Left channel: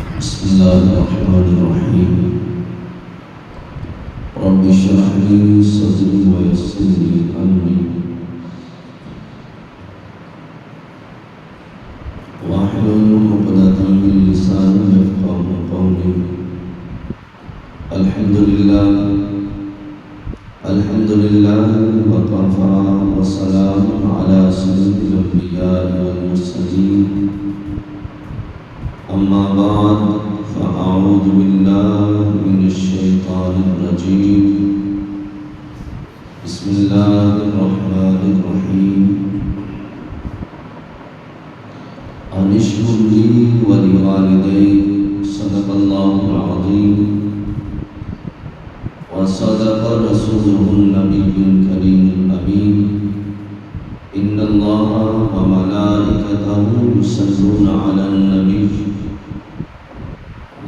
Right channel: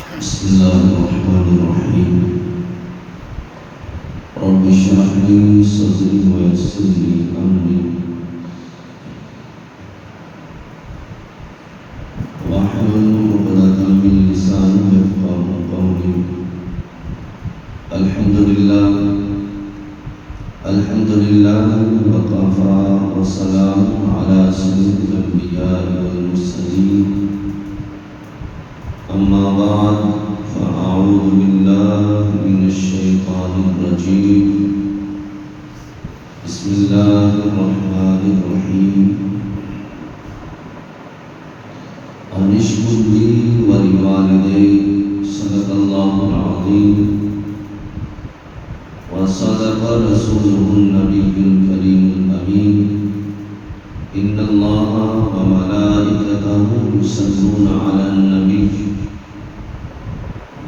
بسم الله الرحمن الرحيم. رب اشرح لي صدري ويسر لي أمري واحلل عقدة من لساني يفقهوا قولي. الحمد لله وكفى وسلام على سيد الأنبياء والمرسلين. أما بعد فأعوذ بالله من الشيطان الرجيم. بسم الله الرحمن الرحيم. أن اشكر لي ولوالديك. صدق الله العظيم وصدق رسوله النبي الكريم الأمين. إن الله وملائكته يصلون على النبي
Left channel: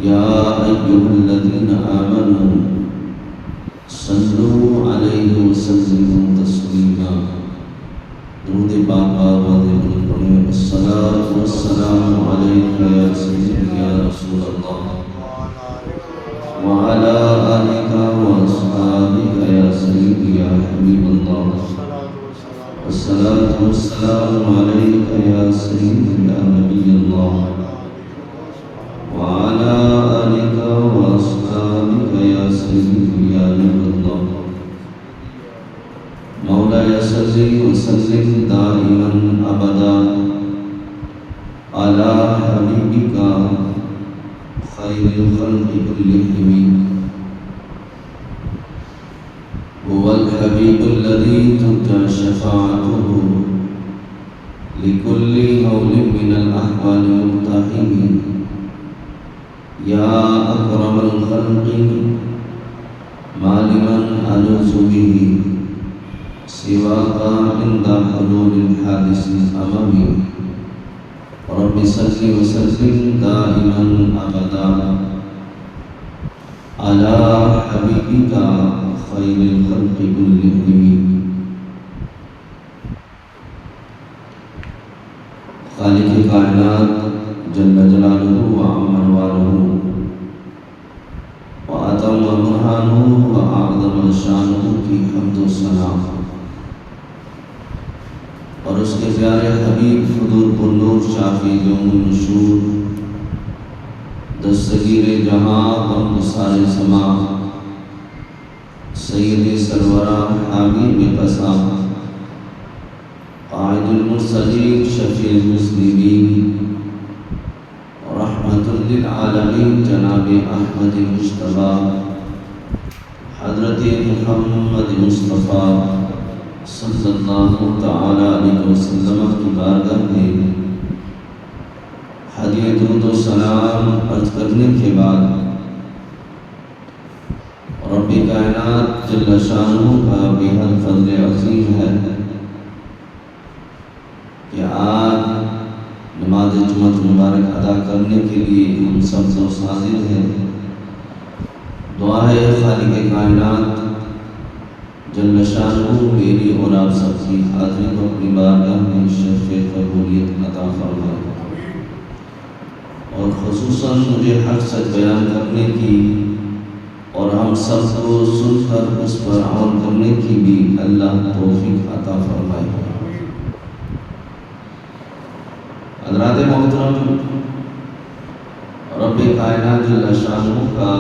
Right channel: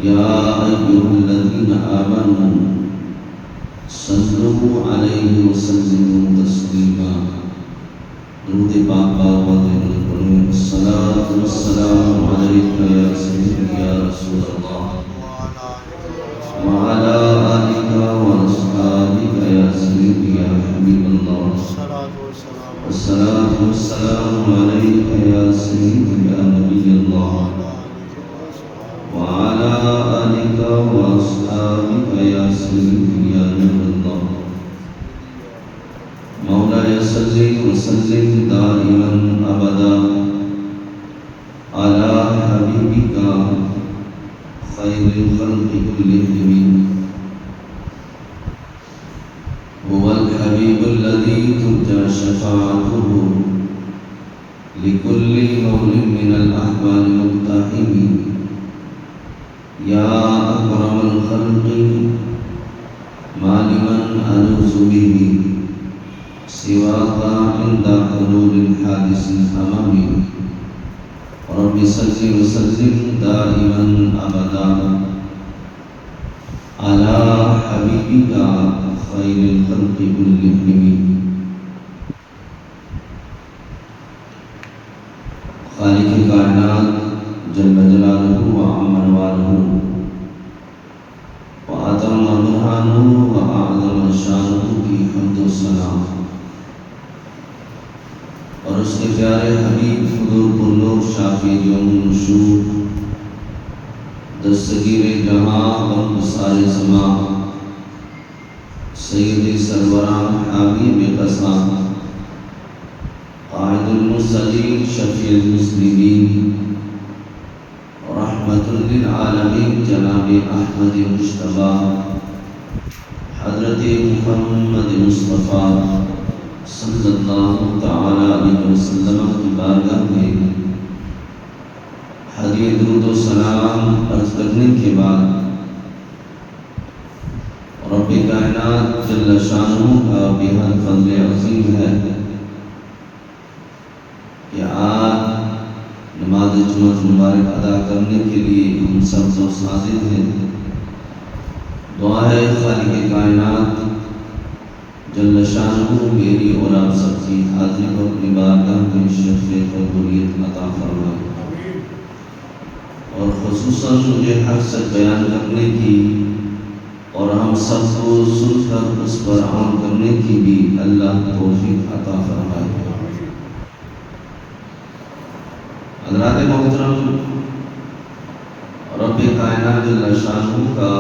يا أيها الذين آمنوا صلوا عليه وسلموا تسليما. درود پاک پڑھیں. الصلاة والسلام عليك يا سيدي يا رسول الله وعلى آلك وأصحابك يا سيدي يا حبيب الله. الصلاة والسلام عليك يا سيدي يا نبي الله وعلى آلك وأصحابك يا سيدي يا نور الله. مولاي صل وسلم دائما أبدا على حبيبك خير الخلق كلهم. هو الحبيب الذي ترجى شفاعته لكل هول من الأحوال مقتحم. يا أكرم الخلق ما لمن ألوذ به سواك عند حلول الحادث الأمامي. رب صل وسلم دائما أبدا على حبيبك خير الخلق كلهم. خالق کائنات جل جلالہ وعم نوالہ وأتم برہانہ وأعظم شانہ کی حمد و ثنا اور اس کے پیارے حبیب حضور کلو شافی جون نشور دستگیر جہاں اور سارے سما سید سرورہ حبیب قصہ قائد المرسلین شفیع المسلمین رحمت للعالمین جناب احمد مصطفیٰ حضرت محمد مصطفیٰ صلی اللہ تعالی علیہ وسلم کی بارگاہ میں ہدیہ درود و سلام عرض کرنے کے بعد رب کائنات جل شانہ کا بہت فضل عظیم ہے کہ آج نماز جمعہ مبارک ادا کرنے کے لیے ہم سب حاضر ہیں. دعا ہے خالق کائنات جل شانہ میری اور آپ سب کی حاضری کو اپنی بارگاہ میں شرف قبولیت عطا فرمائے اور خصوصاً مجھے حق سچ بیان کرنے کی اور ہم سب کو سن کر اس پر عمل کرنے کی بھی اللہ توفیق عطا فرمائے. حضرات محترم، رب کائنات جل شانہ کا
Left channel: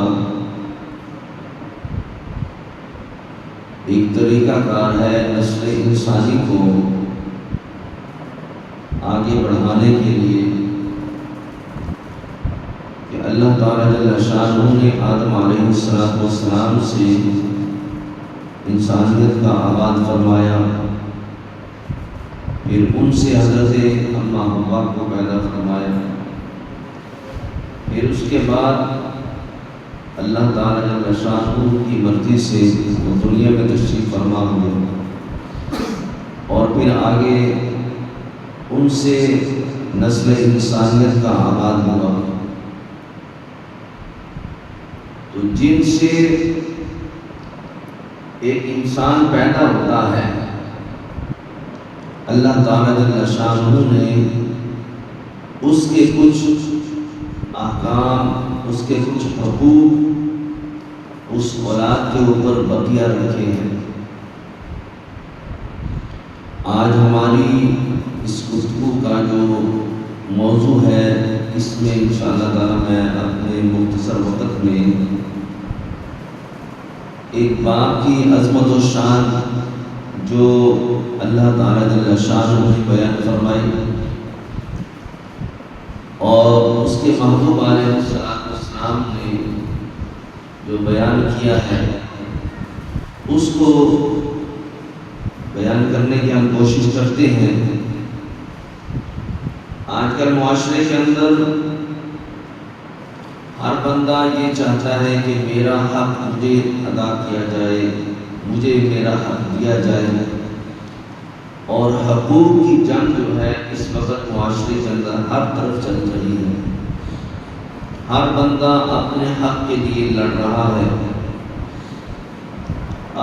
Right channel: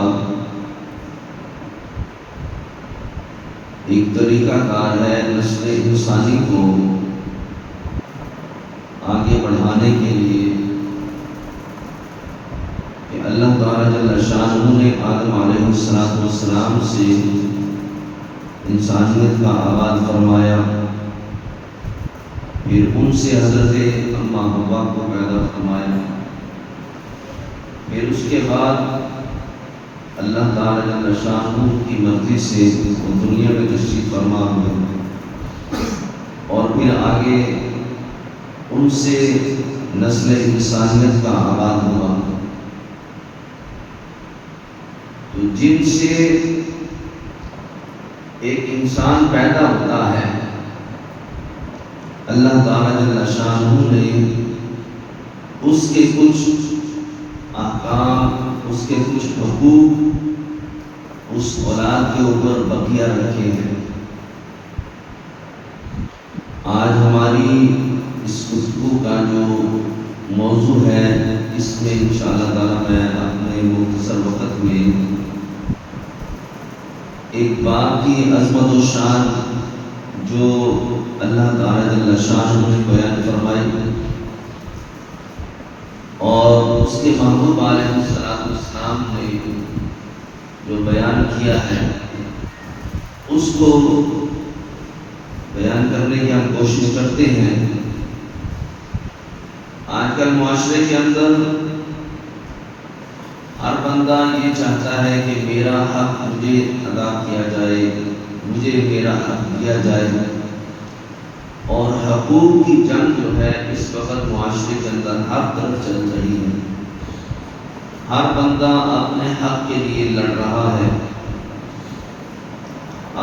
ایک طریقہ کار ہے نسل انسانی کو آگے بڑھانے کے لیے کہ اللہ تعالیٰ جل شانہ نے آدم علیہ السلام سے انسانیت کا آغاز فرمایا، پھر ان سے حضرت اماں حوا کو پیدا فرمایا، پھر اس کے بعد اللہ تعالیٰ جل شانہ کی مرضی سے دنیا میں تشریف فرما ہوئے اور پھر آگے ان سے نسل انسانیت کا آغاز ہوا. تو جن سے ایک انسان پیدا ہوتا ہے اللہ تعالیٰ جل شانہ نے اس کے کچھ احکام اس کے کچھ حقوق اس اولاد کے اوپر بقیہ رکھے ہیں۔ آج ہماری اس گفتگو کا جو موضوع ہے، اس میں انشاءاللہ تعالی میں اپنے مختصر وقت میں ایک باپ کی عظمت و شان جو اللہ تعالیٰ جل شانہ نے بیان فرمائی اور اس کے محبوب علیہ السلام نے جو بیان کیا ہے، اس کو بیان کرنے کی ہم کوشش کرتے ہیں۔ آج کل معاشرے کے اندر ہر بندہ یہ چاہتا ہے کہ میرا حق مجھے ادا کیا جائے، مجھے میرا حق دیا جائے، اور حقوق کی جنگ جو ہے اس وقت معاشرے کے اندر ہر طرف چل رہی ہے۔ ہر بندہ اپنے حق کے لیے لڑ رہا ہے۔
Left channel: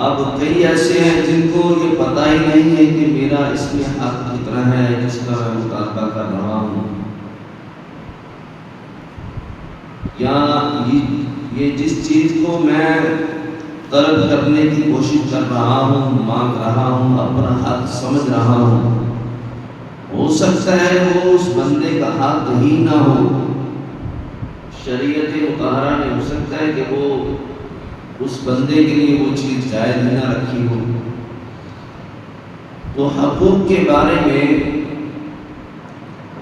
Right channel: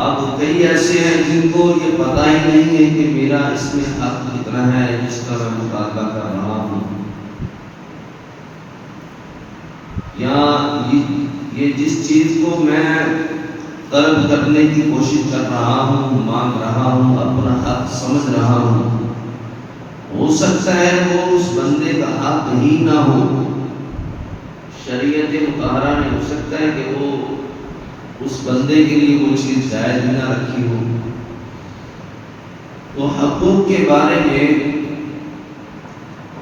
اب کئی ایسے ہیں جن کو یہ پتہ ہی نہیں ہے کہ میرا اس میں حق کتنا ہے جس کا میں مطالبہ کر رہا ہوں، یا یہ جس چیز کو میں طلب کرنے کی کوشش کر رہا ہوں، مانگ رہا ہوں، اپنا حق سمجھ رہا ہوں، ہو سکتا ہے وہ اس بندے کا حق ہی نہ ہو۔ شریعت مطہرہ نے ہو سکتا ہے کہ وہ اس بندے کے لیے وہ چیز جائز ہی نہ رکھی ہو۔ تو حقوق کے بارے میں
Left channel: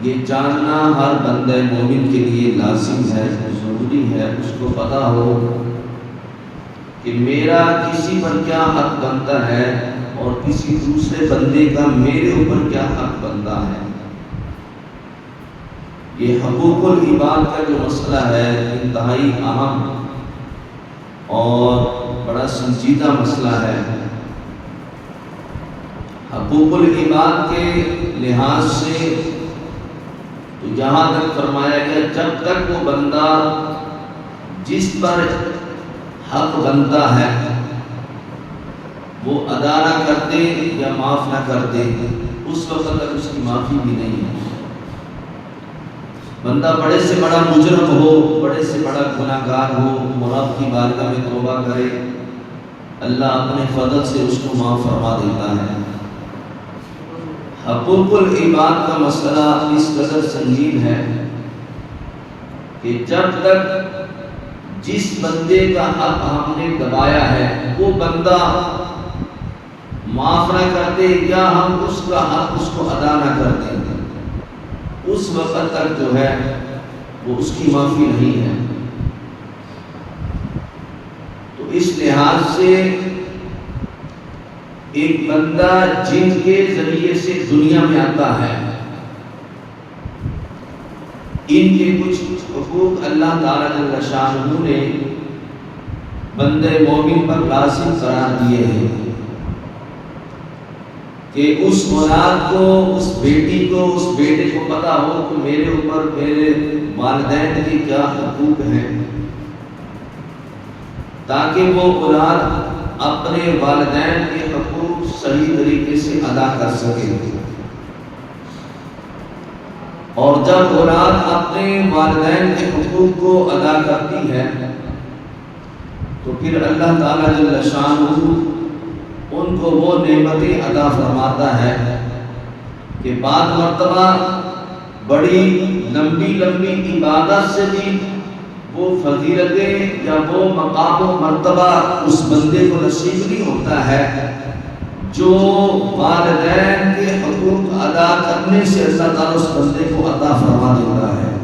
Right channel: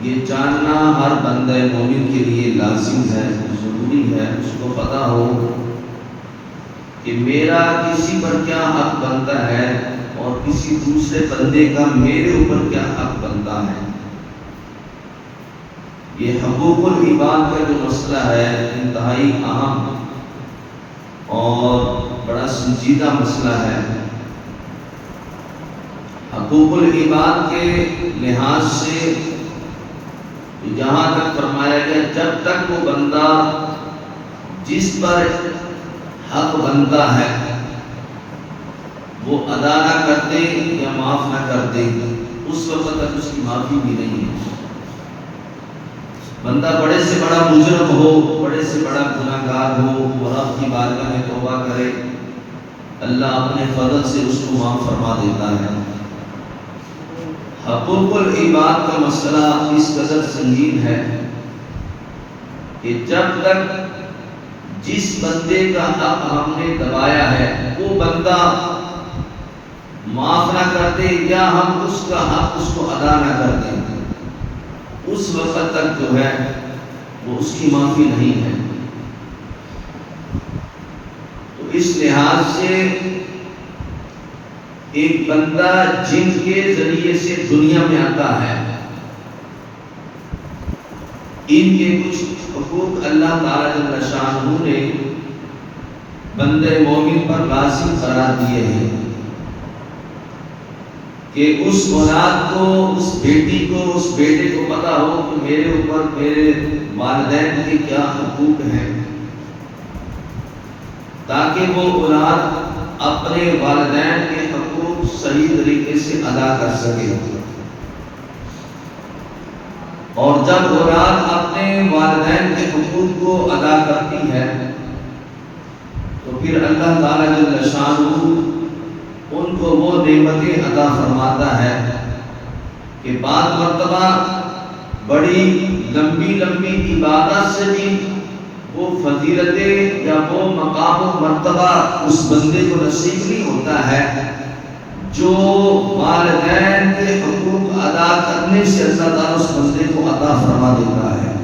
یہ جاننا ہر بندہ مومن کے لیے لازم ہے، ضروری ہے۔ اس کو پتہ ہو کہ میرا کسی پر کیا حق بنتا ہے اور کسی دوسرے بندے کا میرے اوپر کیا حق بنتا ہے۔ یہ حقوق العباد کا جو مسئلہ ہے انتہائی اہم اور بڑا سنجیدہ مسئلہ ہے۔ حقوق العباد کے لحاظ سے یہاں تک فرمایا گیا جب تک وہ بندہ جس پر حق بنتا ہے وہ ادا نہ کر دے یا معاف نہ کر دے، اس وقت تک اس کی معافی بھی نہیں ہے۔ بندہ بڑے سے بڑا مجرم ہو، بڑے سے بڑا گناہ گار ہو، رب کی بارگاہ میں توبہ کرے، اللہ اپنے فضل سے اس کو معاف فرما دیتا ہے۔ حقوق العباد کا مسئلہ اس قدر سنگین ہے کہ جب تک جس بندے کا حق ہم نے دبایا ہے وہ بندہ معاف نہ کر دے یا ہم اس کا حق اس کو ادا نہ کر دیں، اس وقت تک جو ہے وہ اس کی معافی نہیں ہے۔ تو اس لحاظ سے ایک بندہ جن کے ذریعے سے دنیا میں آتا ہے، ان کے کچھ حقوق اللہ تعالیٰ جل شانہ نے بندے مومن پر لازم قرار دیے ہیں کہ اس اولاد کو، اس بیٹی کو، اس بیٹے کو پتہ ہو کہ میرے اوپر میرے والدین کے کیا حقوق ہیں، تاکہ وہ اولاد اپنے والدین کے حقوق صحیح طریقے سے ادا کر سکے۔ اور جب اولاد اپنے والدین کے حقوق کو ادا کرتی ہے تو پھر اللہ تعالیٰ جل شانہ ان کو وہ نعمتیں عطا فرماتا ہے کہ بعض مرتبہ بڑی لمبی لمبی عبادت سے بھی وہ فضیلتیں یا وہ مقام و مرتبہ اس بندے کو نصیب نہیں ہوتا ہے جو والدین کے حقوق ادا کرنے سے اللہ تعالیٰ اس بندے کو عطا فرما دیتا ہے۔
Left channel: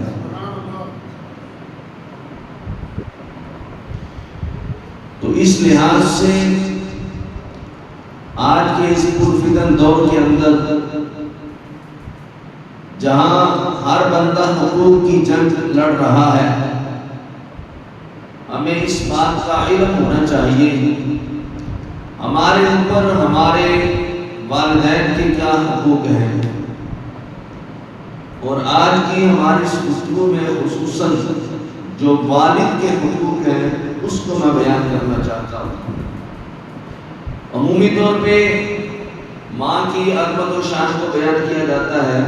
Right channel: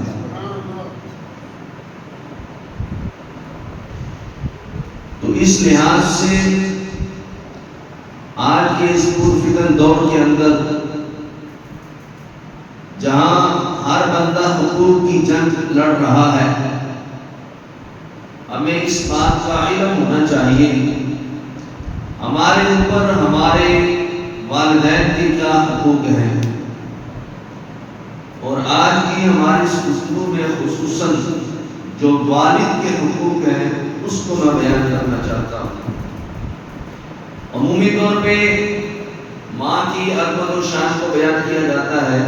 تو اس لحاظ سے آج کے اس پرفتن دور کے اندر جہاں ہر بندہ حقوق کی جنگ لڑ رہا ہے، ہمیں اس بات کا علم ہونا چاہیے ہمارے اوپر ہمارے والدین کے کیا حقوق ہیں۔ اور آج کی ہماری اس گفتگو میں خصوصاً جو والد کے حقوق ہیں اس کو میں بیان کرنا چاہتا ہوں۔ عمومی طور پہ ماں کی عظمت و شان کو بیان کیا جاتا ہے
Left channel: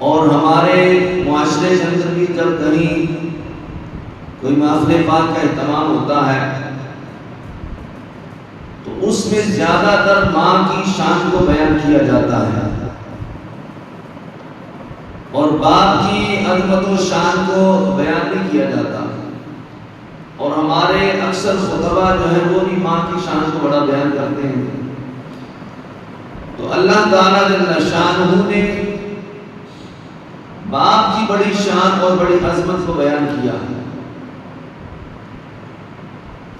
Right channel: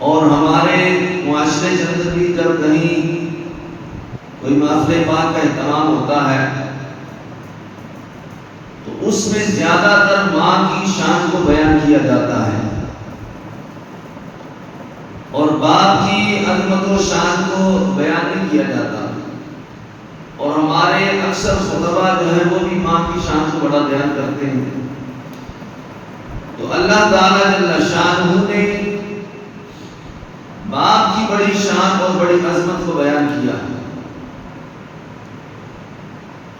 اور ہمارے معاشرے کے اندر بھی جب کہیں کوئی محفل پاک کا اہتمام ہوتا ہے تو اس میں زیادہ تر ماں کی شان کو بیان کیا جاتا ہے اور باپ کی عظمت و شان کو بیان نہیں کیا جاتا، اور ہمارے اکثر خطبہ جو ہے وہ بھی ماں کی شان کو بڑا بیان کرتے ہیں۔ تو اللہ تعالیٰ جل شانہ نے باپ کی بڑی شان اور بڑی عظمت کو بیان کیا۔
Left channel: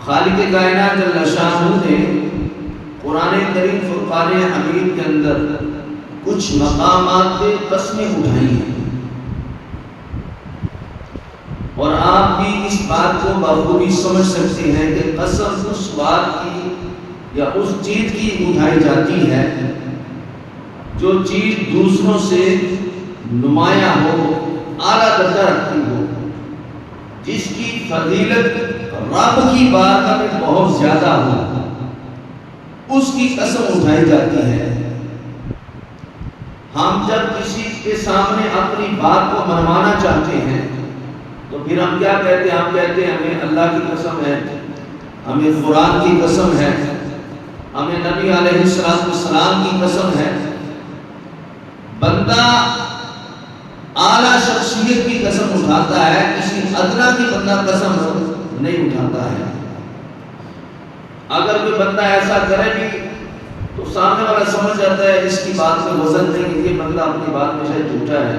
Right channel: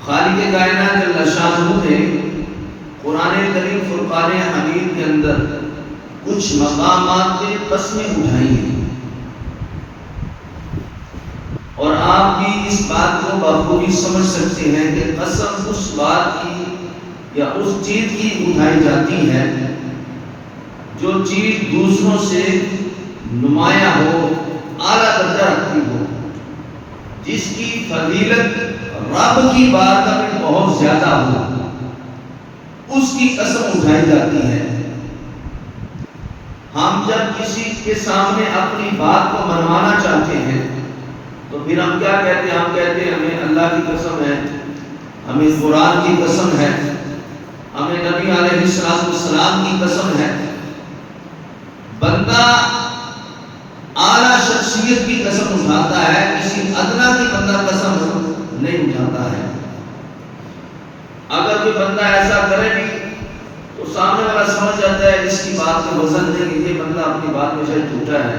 خالق کائنات جل شانہ نے قرآن کریم فرقان حمید کے اندر کچھ مقامات پہ قسمیں اٹھائی ہیں، اور آپ بھی اس بات کو بخوبی سمجھ سکتے ہیں کہ قسم اس بات کی یا اس چیز کی اٹھائی جاتی ہے جو چیز دوسروں سے نمایاں ہو، اعلیٰ درجہ رکھتی ہو، جس کی فضیلت رب کی بارگاہ میں بہت زیادہ ہو، اس کی قسم اٹھائی جاتی ہے۔ ہم جب کسی کے سامنے اپنی بات کو منوانا چاہتے ہیں تو پھر ہم کیا کہتے ہیں؟ ہم کہتے ہیں ہمیں اللہ کی قسم ہے، ہمیں قرآن کی قسم ہے، ہمیں نبی علیہ السلام کی قسم ہے۔ بندہ اعلیٰ شخصیت کی قسم اٹھاتا ہے، کسی ادنا کی بندہ قسم نہیں اٹھاتا ہے۔ اگر کوئی بندہ ایسا کرے بھی تو سامنے والا سمجھ جاتا ہے اس کی بات کا وزن نہیں، یہ بندہ اپنی بات میں شاید جھوٹا ہے،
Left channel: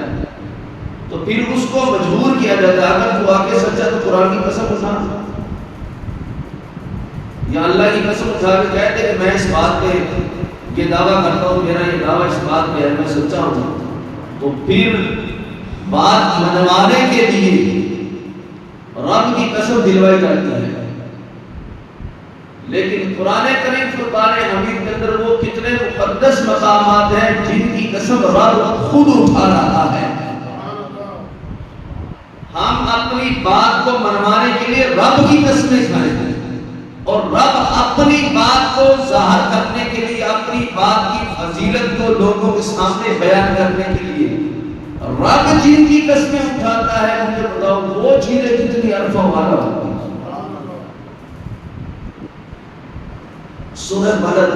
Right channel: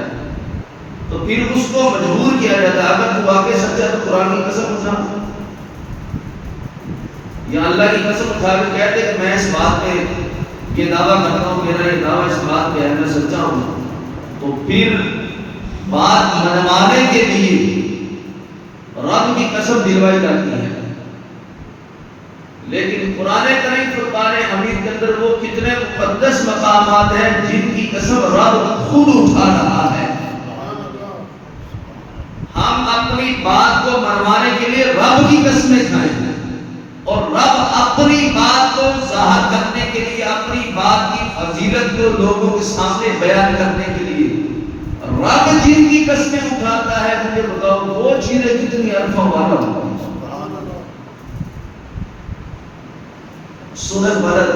تو پھر اس کو مجبور کیا جاتا ہے اگر تو واقعی سچا تو قرآن کی قسم اٹھا یا اللہ کی قسم اٹھا کے کہتے کہ میں اس بات پہ یہ دعویٰ کرتا ہوں، میرا یہ دعویٰ اس بات پہ ہے، میں سچا ہوں، تو پھر بات منوانے کے لیے رب کی قسم دلوائی جاتی ہے۔ لیکن قرآن کریم فرقان حمید کے اندر وہ کتنے مقدس مقامات ہیں جن کی قسم رب خود اٹھا رہا ہے۔ ہم اپنی بات کو منوانے کے لیے رب کی قسمیں کھائیں گے، اور رب اپنی بات کو ظاہر کرنے کے لیے، اپنی بات کی فضیلت کو لوگوں کے سامنے بیان کرنے کے لیے رب جن کی قسمیں اٹھاتا ہے، مجھے بتاؤ وہ چیزیں کتنی الفا والا ہوتی ہیں۔ سورہ بلد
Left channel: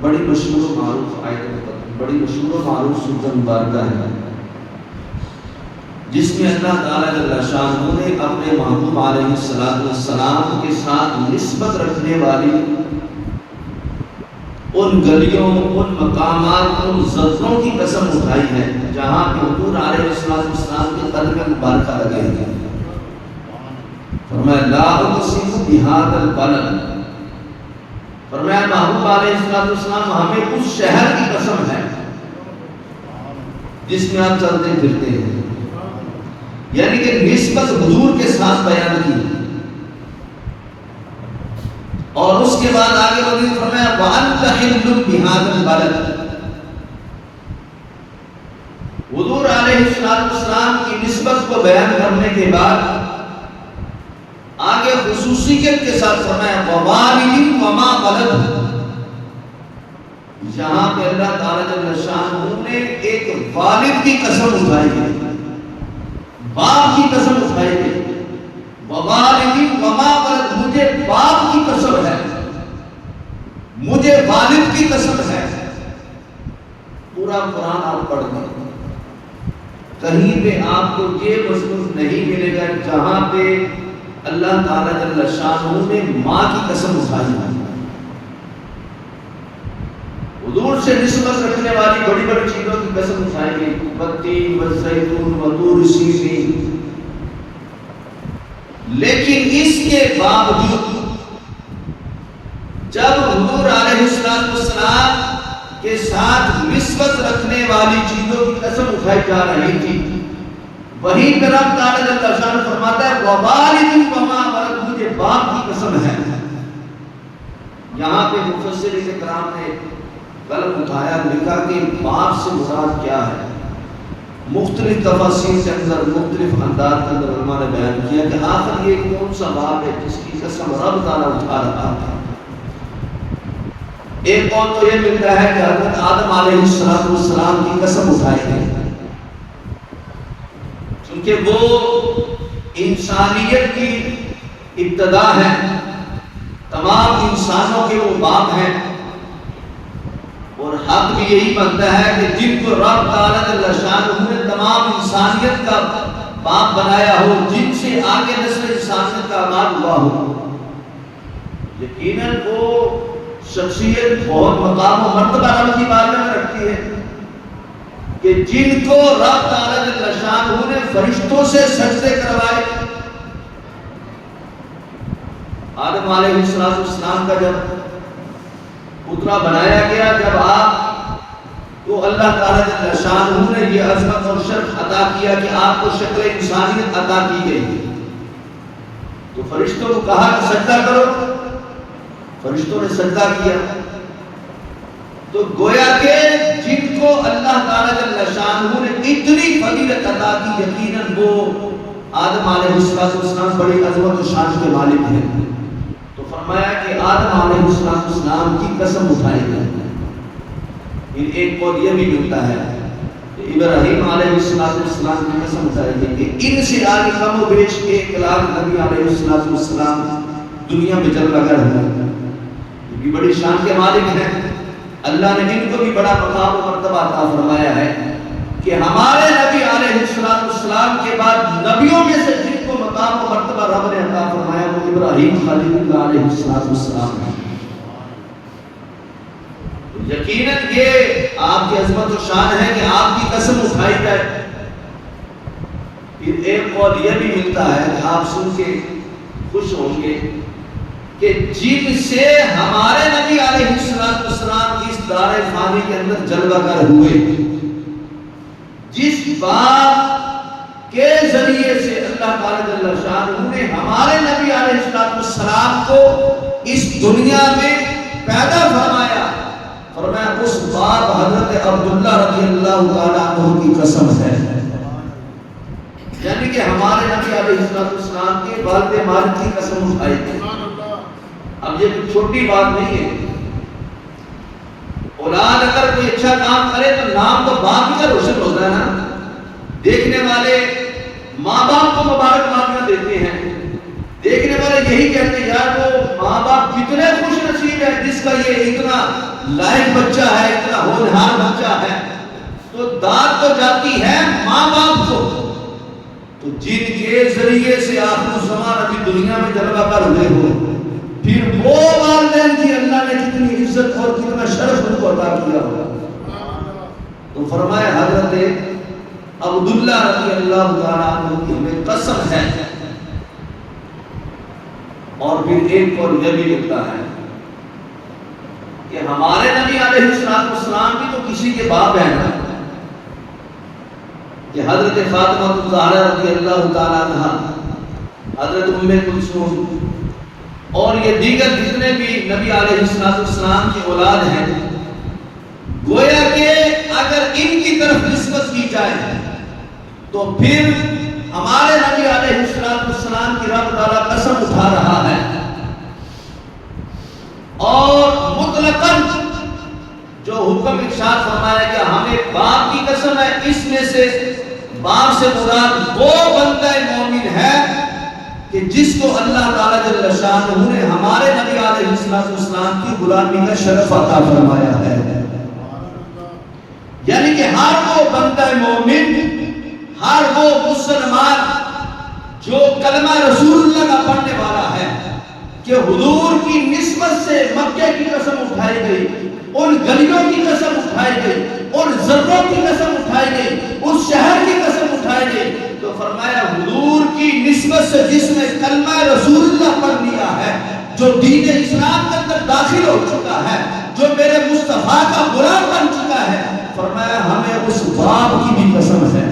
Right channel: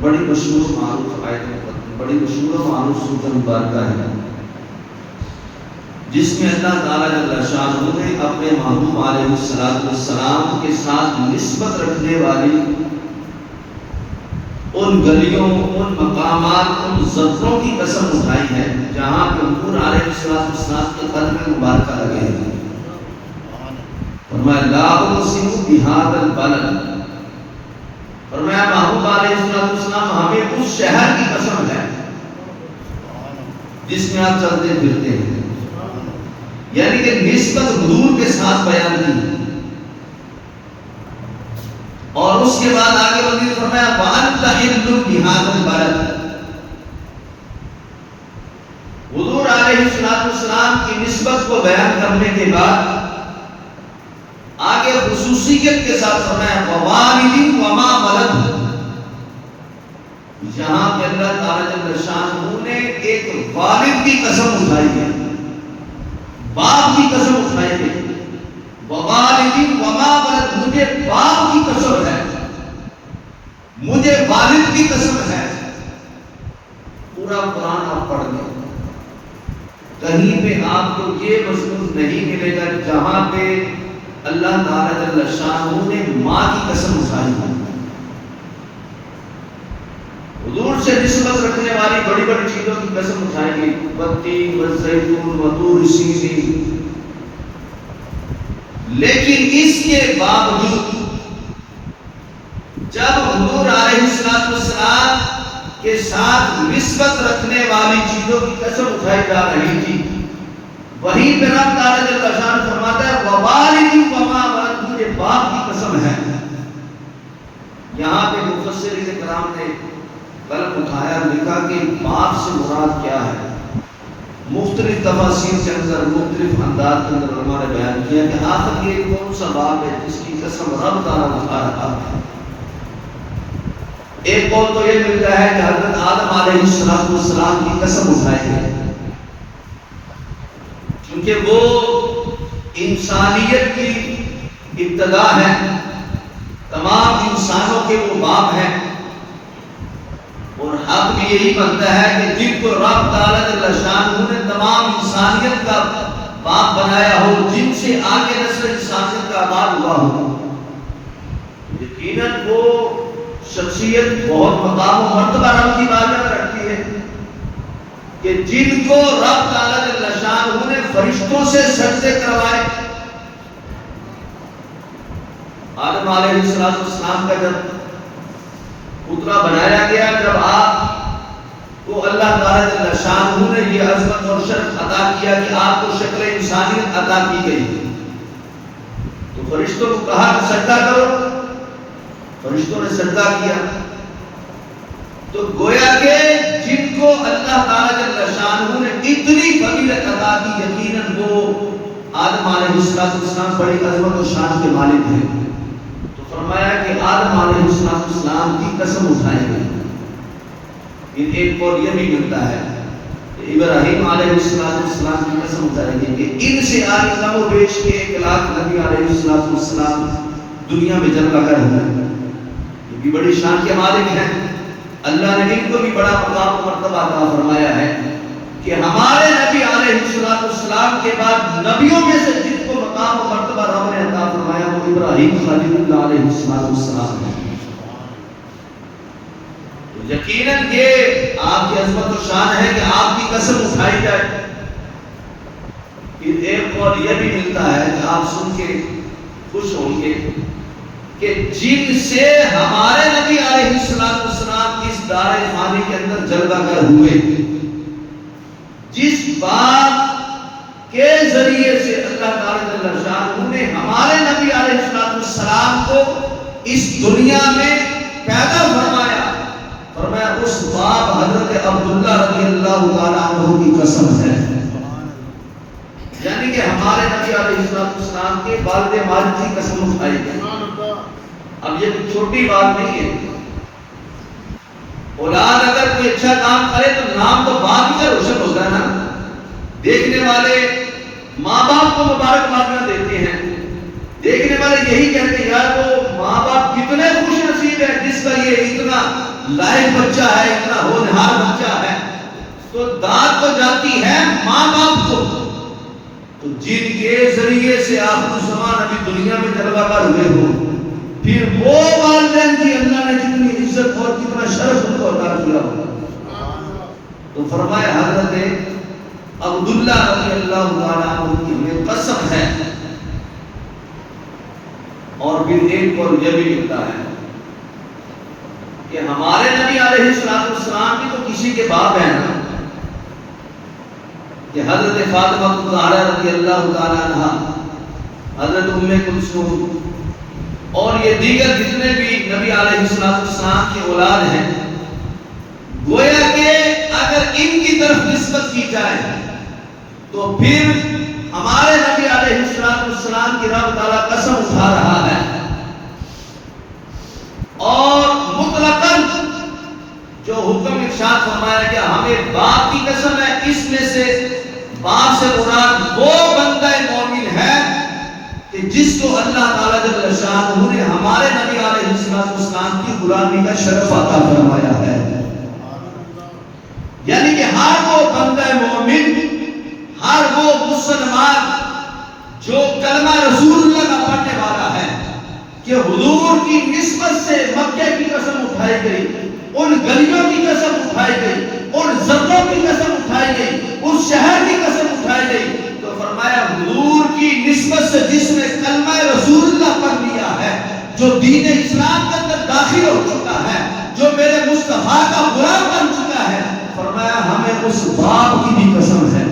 بڑی مشہور و معروف آیت ہے، بڑی مشہور و معروف سورۃ مبارکہ ہے، جس میں اللہ تعالیٰ جل شانہ نے اپنے محبوب علیہ السلام کے ساتھ نسبت رکھنے والی ان گلیوں، ان مقامات، ان زدوں کی قسم اٹھائی ہے جہاں پہ حضور علیہ السلام کے قدم مبارکہ لگے ہیں۔ فرمایا لا اقسم بہذا البلد، فرمایا محبوب علیہ السلام ہمیں اس شہر کی قسم ہے جس میں آپ چلتے پھرتے ہیں، یعنی کہ نسبت حضور کے ساتھ بیان کی۔ اور اس کے بعد آگے مزید فرمایا وَأَنْتَ حِلٌّ بِهَذَا الْبَلَدِ، حضور علیہ السلام کی نسبت کو بیان کرنے کے بعد آگے خصوصیت کے ساتھ فرمایا وَوَالِدٍ وَمَا وَلَدَ، یہاں پہ اللہ تعالیٰ جل شانہ نے ایک والد کی قسم اٹھائی ہے، باپ کی قسم اٹھائی ہے۔ وَوَالِدٍ وَمَا وَلَدَ، مجھے باپ کی قسم ہے، مجھے والد کی قسم ہے۔ پورا قرآن آپ پڑھ لیں، کہیں پہ آپ کو یہ مضمون نہیں ملے گا جہاں پہ اللہ تعالیٰ جل شانہ نے ماں کی قسم اٹھائی ہے۔ حضور سے نسبت رکھنے والی بڑی بڑی چیزوں کی قسم اٹھائی گئی، والتین والزیتون وطور سینین، لیکن اس کے باوجود جب حضور علیہ السلام کے ساتھ نسبت رکھنے والی چیزوں کی قسم اٹھائی جا رہی تھی، وہیں پہ رب تعالیٰ جل شانہ فرماتا ہے وَوَالِدٍ وَمَا وَلَدَ، مجھے باپ کی قسم ہے۔ یہاں پہ مفسرین کرام نے قلم اٹھایا، لکھا کہ باپ سے مراد کیا ہے۔ مختلف تفاسیر کے اندر، مختلف انداز کے اندر علماء نے بیان کیا کہ آخر یہ کون سا باپ ہے جس کی قسم رب تعالیٰ اٹھا رہا ہے۔ ایک قول تو یہ ملتا ہے کہ حضرت آدم علیہ السلام کی قسم اٹھائی گئی، چونکہ وہ انسانیت کی ابتدا ہے، تمام انسانوں کے وہ باپ ہیں، اور حق بھی یہی بنتا ہے کہ جن کو رب تعالیٰ جل شانہ نے تمام انسانیت کا باپ بنایا ہو، جن سے آگے نسل انسانیت کا آغاز ہوا ہو، یقیناً وہ شخصیت بہت مقام و مرتبہ رب کی بارگاہ میں رکھتی ہے کہ جن کو رب تعالیٰ جل شانہ نے فرشتوں سے سجدے کروائے۔ آدم علیہ السلام کا جب پترا بنایا گیا، جب آپ کو اللہ تعالیٰ جل شانہ نے یہ عظمت اور شرف عطا کیا کہ آپ کو شکل انسانیت عطا کی گئی، تو فرشتوں کو کہا کہ سجدہ کرو، فرشتوں نے سجدہ کیا۔ تو گویا کہ جن کو اللہ تعالیٰ جل شانہ نے اتنی فضیلت عطا کی، یقیناً وہ آدم علیہ السلام بڑی عظمت و شان کے مالک ہیں۔ تو فرمایا کہ آدم علیہ السلام کی قسم اٹھائی گئی۔ پھر ایک قول یہ بھی ملتا ہے کہ ابراہیم علیہ السلام کی قسم اٹھائی گئی کہ ان سے آگے کم و بیش 1 لاکھ نبی علیہ السلام دنیا میں جلوہ گر ہوئے، یہ بھی بڑی شان کے مالک ہیں۔ اللہ نے ان کو بھی بڑا مقام و مرتبہ عطا فرمایا ہے کہ ہمارے نبی علیہ السلام کے بعد نبیوں میں سے جن کو مقام و مرتبہ رب نے عطا فرمایا وہ ابراہیم خلیل اللہ علیہ السلام ہے۔ یقیناً یہ آپ کی عظمت و شان ہے کہ آپ کی قسم اٹھائی جائے۔ پھر ایک قول یہ بھی ملتا ہے کہ آپ سن کے خوش ہوں گے کہ جن سے ہمارے نبی علیہ السلام اس دار فانی کے اندر جلوہ گر ہوئے، جس بات کے ذریعے سے اللہ تعالیٰ جل شانہ نے ہمارے نبی علیہ السلام کو اس دنیا میں پیدا فرمایا، اس باپ حضرت عبداللہ رضی اللہ تعالیٰ عنہ کی قسم ہے، یعنی کہ ہمارے نبی علیہ السلام کے والد ماجد کی قسم اٹھائی گئی۔ اب یہ چھوٹی بات نہیں ہے، اولاد اگر کوئی اچھا کام کرے تو نام تو باپ ہی کا روشن ہوتا ہے نا۔ دیکھنے والے ماں باپ کو مبارکباد دیتے ہیں، دیکھنے والے یہی کہتے ہیں یار وہ ماں باپ کتنے خوش نصیب ہے جس کا یہ اتنا لائق بچہ ہے، اتنا ہونہار بچہ ہے۔ تو داد تو جاتی ہے ماں باپ کو، تو جن کے ذریعے سے آخر الزمان ابھی دنیا میں جلوہ گر ہوئے ہوں، پھر وہ والدین کی اللہ نے کتنی عزت اور کتنا شرف ان کو عطا کیا ہوگا۔ تو فرمایا حضرت عبداللہ رضی اللہ تعالیٰ عنہ کی ہمیں قسم ہے۔ اور پھر ایک قول یہ بھی ملتا ہے کہ ہمارے نبی علیہ السلام بھی تو کسی کے باپ ہیں نا، کہ حضرت فاطمہ الزہرا رضی اللہ تعالیٰ عنہ، حضرت ام کلثوم اور یہ دیگر جتنے بھی نبی علیہ السلام کی اولاد ہیں، گویا کہ اگر ان کی طرف نسبت کی جائے تو پھر ہمارے نبی علیہ السلام کی رب تعالیٰ قسم اٹھا رہا ہے، اور مطلقاً جو حکم ارشاد فرمایا کہ ہمیں باپ کی قسم ہے، اس میں سے باپ سے مراد وہ بندہ مومن ہے کہ جس کو اللہ تعالیٰ جل شانہ نے ہمارے نبی علیہ السلام کی غلامی کا شرف عطا فرمایا ہے۔ یعنی کہ ہر وہ بندہ مومن، ہر وہ مسلمان جو کلمہ رسول اللہ کا پڑھنے والا ہے کہ حضور کی نسبت سے مکہ کی قسم اٹھائی گئی، ان گلیوں کی قسم اٹھائی گئی، ان ذروں کی قسم اٹھائی گئی، اس شہر کی قسم اٹھائی گئی، تو فرمایا حضور کی نسبت سے جس نے کلمہ رسول اللہ پڑھ لیا ہے، جو دین اسلام کے اندر داخل ہو چکا ہے، جو میرے مصطفیٰ کا غلام بن چکا ہے، فرمایا ہمیں اس باپ کی بھی قسم ہے۔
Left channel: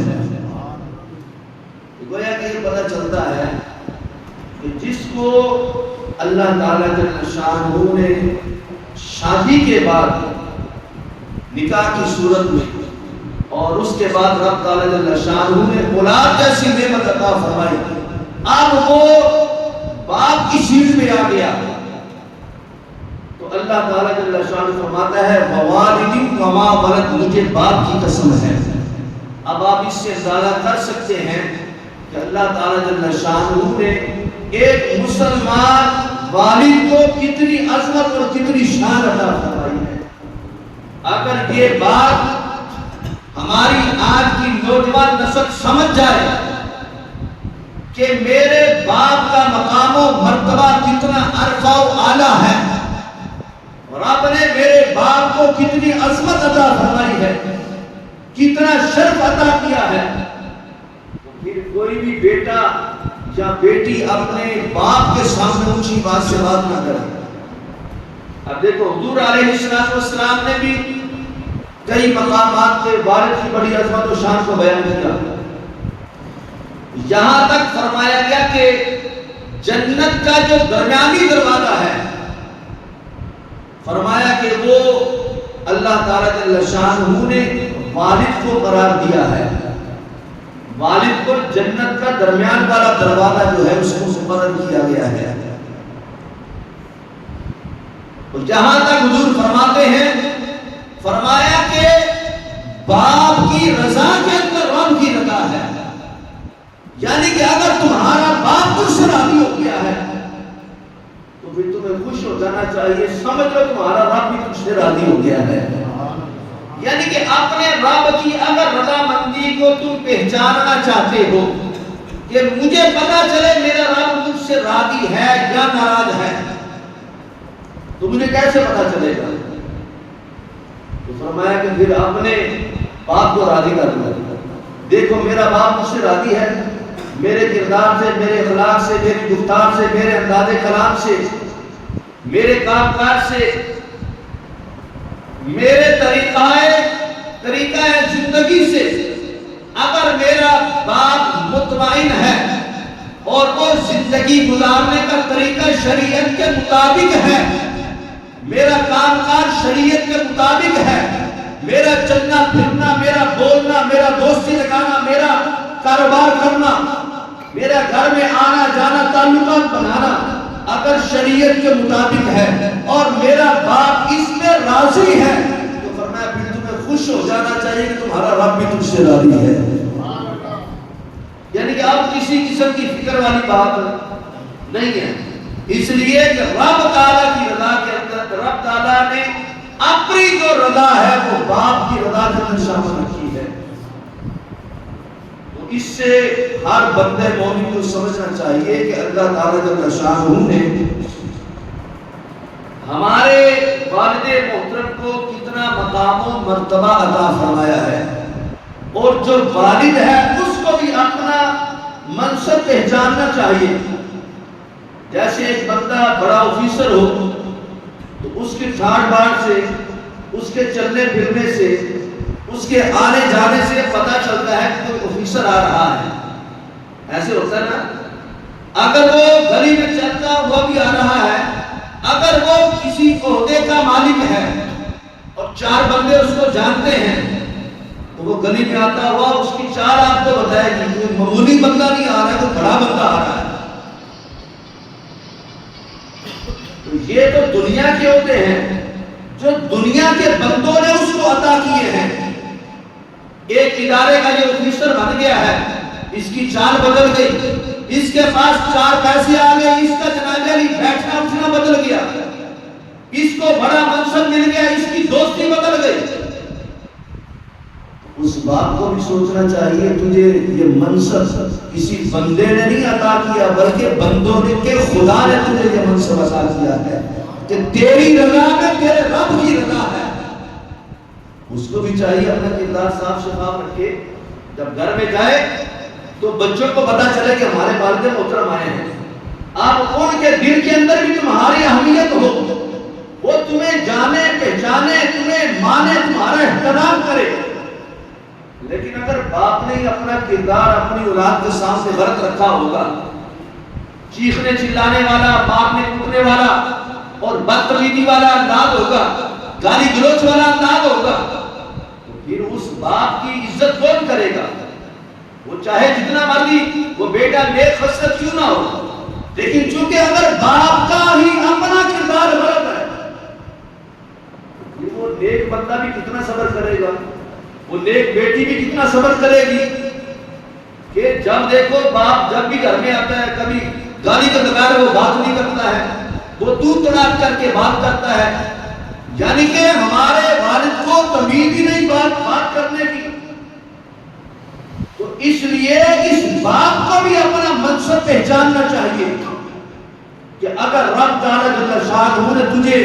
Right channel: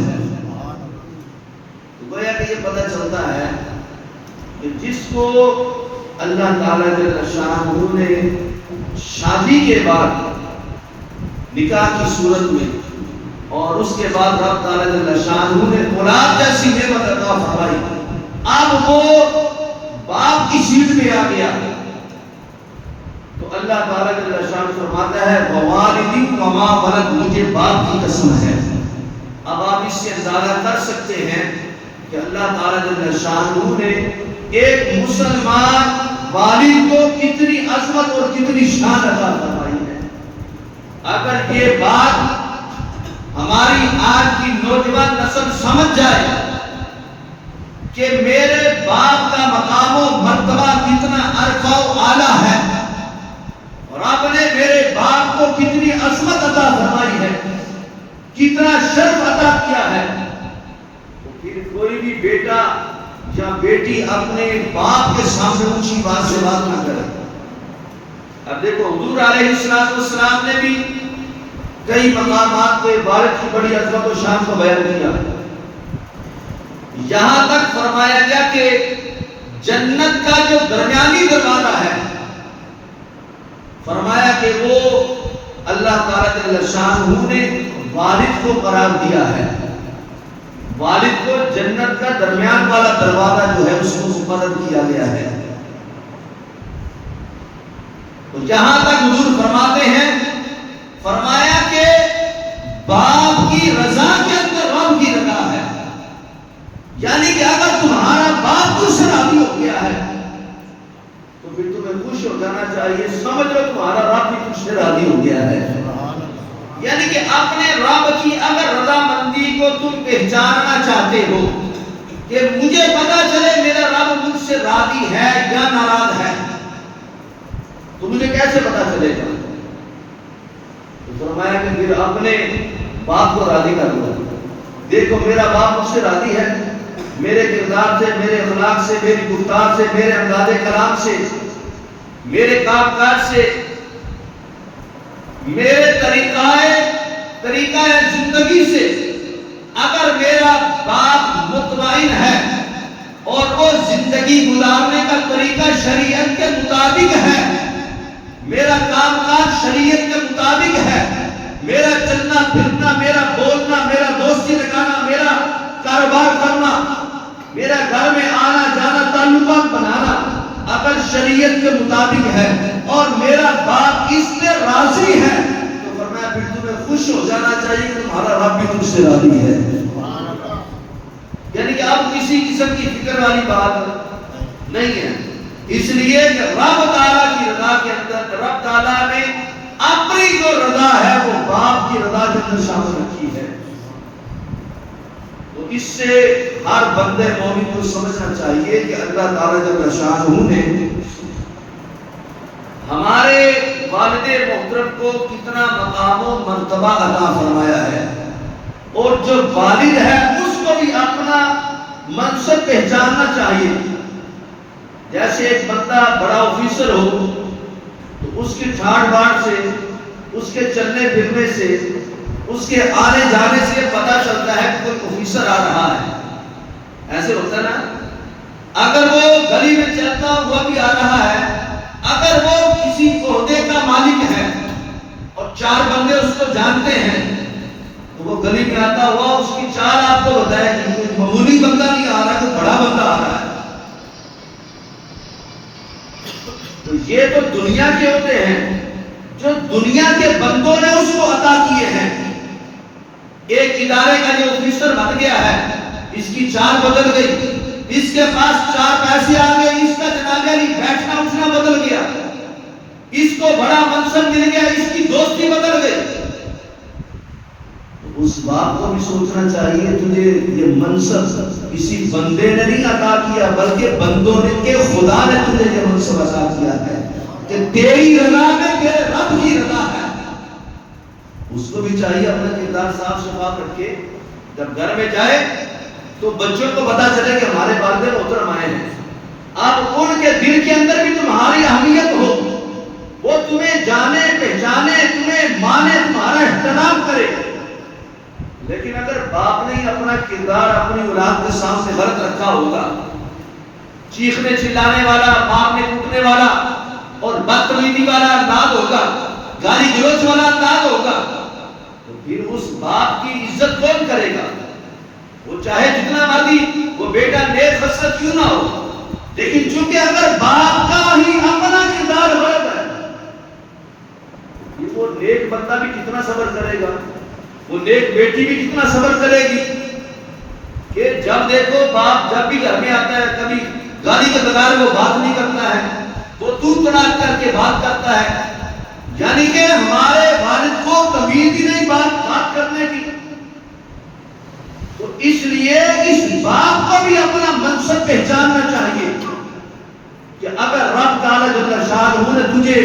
تو گویا کہ یہ پتہ چلتا ہے کہ جس کو اللہ تعالیٰ جل شانہ نے شادی کے بعد نکاح کی صورت میں اور اس کے بعد رب تعالیٰ جل شانہ نے اولاد جیسی نعمت عطا فرمائی، اب وہ باپ کی سیٹ پہ آ گیا، تو اللہ تعالیٰ جل شانہ فرماتا ہے ووالد وما ولد، مجھے باپ کی قسم ہے۔ اب آپ اس سے اندازہ کر سکتے ہیں کہ اللہ تعالیٰ جل شانہ نے ایک مسلمان والد کو کتنی عظمت اور کتنی شان عطا فرمائی ہے۔ اگر یہ بات ہماری آج کی نوجوان نسل سمجھ جائے کہ میرے باپ کا مقام و مرتبہ کتنا عرفہ و اعلیٰ ہے اور آپ نے میرے باپ کو کتنی عظمت عطا فرمائی ہے، کتنا شرف عطا کیا ہے، تو پھر کوئی بھی بیٹا یا بیٹی اپنے باپ کے سامنے اونچی بات سے بات نہ کرے۔ اب دیکھو حضور علیہ السلام نے بھی کئی مقامات پہ والد کی بڑی عظمت و شان کو بیان کیا، یہاں تک فرمایا گیا کہ جنت کا جو درمیانی دروازہ ہے، فرمایا کہ وہ اللہ تعالیٰ جل شانہ نے والد کو قرار دیا ہے، والد کو جنت کا درمیان والا دروازہ جو ہے اس کو مقرر کیا گیا ہے۔ تو جہاں تک حضور فرماتے ہیں، فرمایا کہ باپ کی رضا کے اندر رب کی رضا ہے، یعنی کہ اگر تمہارا باپ تجھ سے راضی ہو گیا ہے تو پھر تمہیں خوش ہو جانا چاہیے، سمجھ لو تمہارا رب بھی تجھ سے راضی ہو گیا ہے۔ یعنی کہ اپنے رب کی اگر رضا مندی کو تم پہچاننا چاہتے ہو کہ مجھے پتا چلے میرا رب مجھ سے راضی ہے یا ناراض ہے، تو مجھے کیسے پتا چلے گا؟ تو فرمایا کہ پھر اپنے باپ کو راضی کر دو، دیکھو میرا باپ مجھ سے راضی ہے، میرے کردار سے، میرے اخلاق سے، میری گفتار سے، میرے انداز کلام سے، میرے کام کاج سے، میرے طریقہ زندگی سے اگر میرا باپ مطمئن ہے اور وہ زندگی گزارنے کا طریقہ شریعت کے مطابق ہے، میرا کام کاج شریعت کے مطابق ہے، میرا چلنا پھرنا، میرا بولنا، میرا دوستی لگانا، میرا کاروبار کرنا، میرا گھر میں آنا جانا، تعلقات بنانا اگر شریعت کے مطابق ہے اور میرا باپ اس میں راضی ہے، تو فرمایا پھر تمہیں خوش ہو جانا چاہیے کہ تمہارا رب بھی تم سے راضی ہے۔ یعنی کہ اب کسی قسم کی فکر والی بات نہیں ہے، اس لیے کہ رب تعالیٰ کی رضا کے اندر رب تعالیٰ نے اپنی جو رضا ہے وہ باپ کی رضا کے اندر شامل رکھی ہے۔ تو اس سے ہر بندے مومن کو سمجھنا چاہیے کہ اللہ تعالیٰ جل شانہ نے ہمارے والد محترم کو کتنا مقام و مرتبہ عطا فرمایا ہے، اور جو والد ہے اس کو بھی اپنا منصب پہچاننا چاہیے۔ جیسے ایک بندہ بڑا آفیسر ہو تو اس کی ٹھاٹ باٹ سے، اس کے چلنے پھرنے سے، اس کے آنے جانے سے پتہ چلتا ہے کہ کوئی آفیسر آ رہا ہے، ایسے ہوتا ہے نا۔ اگر وہ گلی میں چلتا ہوا بھی آ رہا ہے، اگر وہ کسی عہدے کا مالک ہے اور چار بندے اس کو جانتے ہیں تو وہ گلی میں آتا ہوا اس کی چار آپ کو بتائے گی، کوئی معمولی بندہ نہیں آ رہا، کوئی بڑا بندہ آ رہا ہے۔ تو یہ تو دنیا کے ہوتے ہیں جو دنیا کے بندوں نے اس کو عطا کیے ہیں۔ ایک ادارے کا یہ آفیسر بن گیا ہے، اس کی چال بدل گئی، اس کے پاس چار پیسے آ گئے، اس کا جنازہ بیٹھنا اٹھنا بدل گیا، اس کو بڑا منصب مل گیا، اس کی دوستی بدل گئی۔ اس باپ کو بھی سوچنا چاہیے تجھے یہ منصب کسی بندے نے نہیں عطا کیا بلکہ بندوں نے کہ خدا نے تجھے یہ منصب عطا کیا ہے کہ تیری رضا میں تیرے رب کی رضا ہے۔ اس کو بھی چاہیے اپنا کردار صاف شفاف رکھے، جب گھر میں جائے تو بچوں کو پتا چلے کہ ہمارے والد محترم آئے ہیں، آپ ان کے دل کے اندر بھی تمہاری اہمیت ہو، وہ تمہیں جانے پہچانے، تمہیں مانے، تمہارا احترام کرے۔ لیکن اگر باپ نے اپنا کردار اپنی اولاد کے سامنے غلط رکھا ہوگا، چیخنے چلانے والا، مارنے کوٹنے والا اور بدتمیزی والا انداز ہوگا، گالی گلوچ والا انداز ہوگا، تو پھر اس باپ کی عزت کون کرے گا؟ وہ چاہے جتنا مرضی وہ بیٹا نیک خصلت کیوں نہ ہو، لیکن چونکہ اگر باپ کا ہی اپنا کردار غلط ہے، وہ نیک بندہ بھی کتنا صبر کرے گا، وہ نیک بیٹی بھی کتنا صبر کرے گی۔ کہ جب دیکھو باپ جب بھی گھر میں آتا ہے کبھی گالی کے بغیر وہ بات نہیں کرتا ہے، وہ تو تڑاک کر کے بات کرتا ہے، یعنی کہ ہمارے والد کو تمیز ہی نہیں بات کرنے کی۔ تو اس لیے اس باپ کو بھی اپنا منصب پہچاننا چاہیے کہ اگر رب تعالیٰ جل شانہ نے تجھے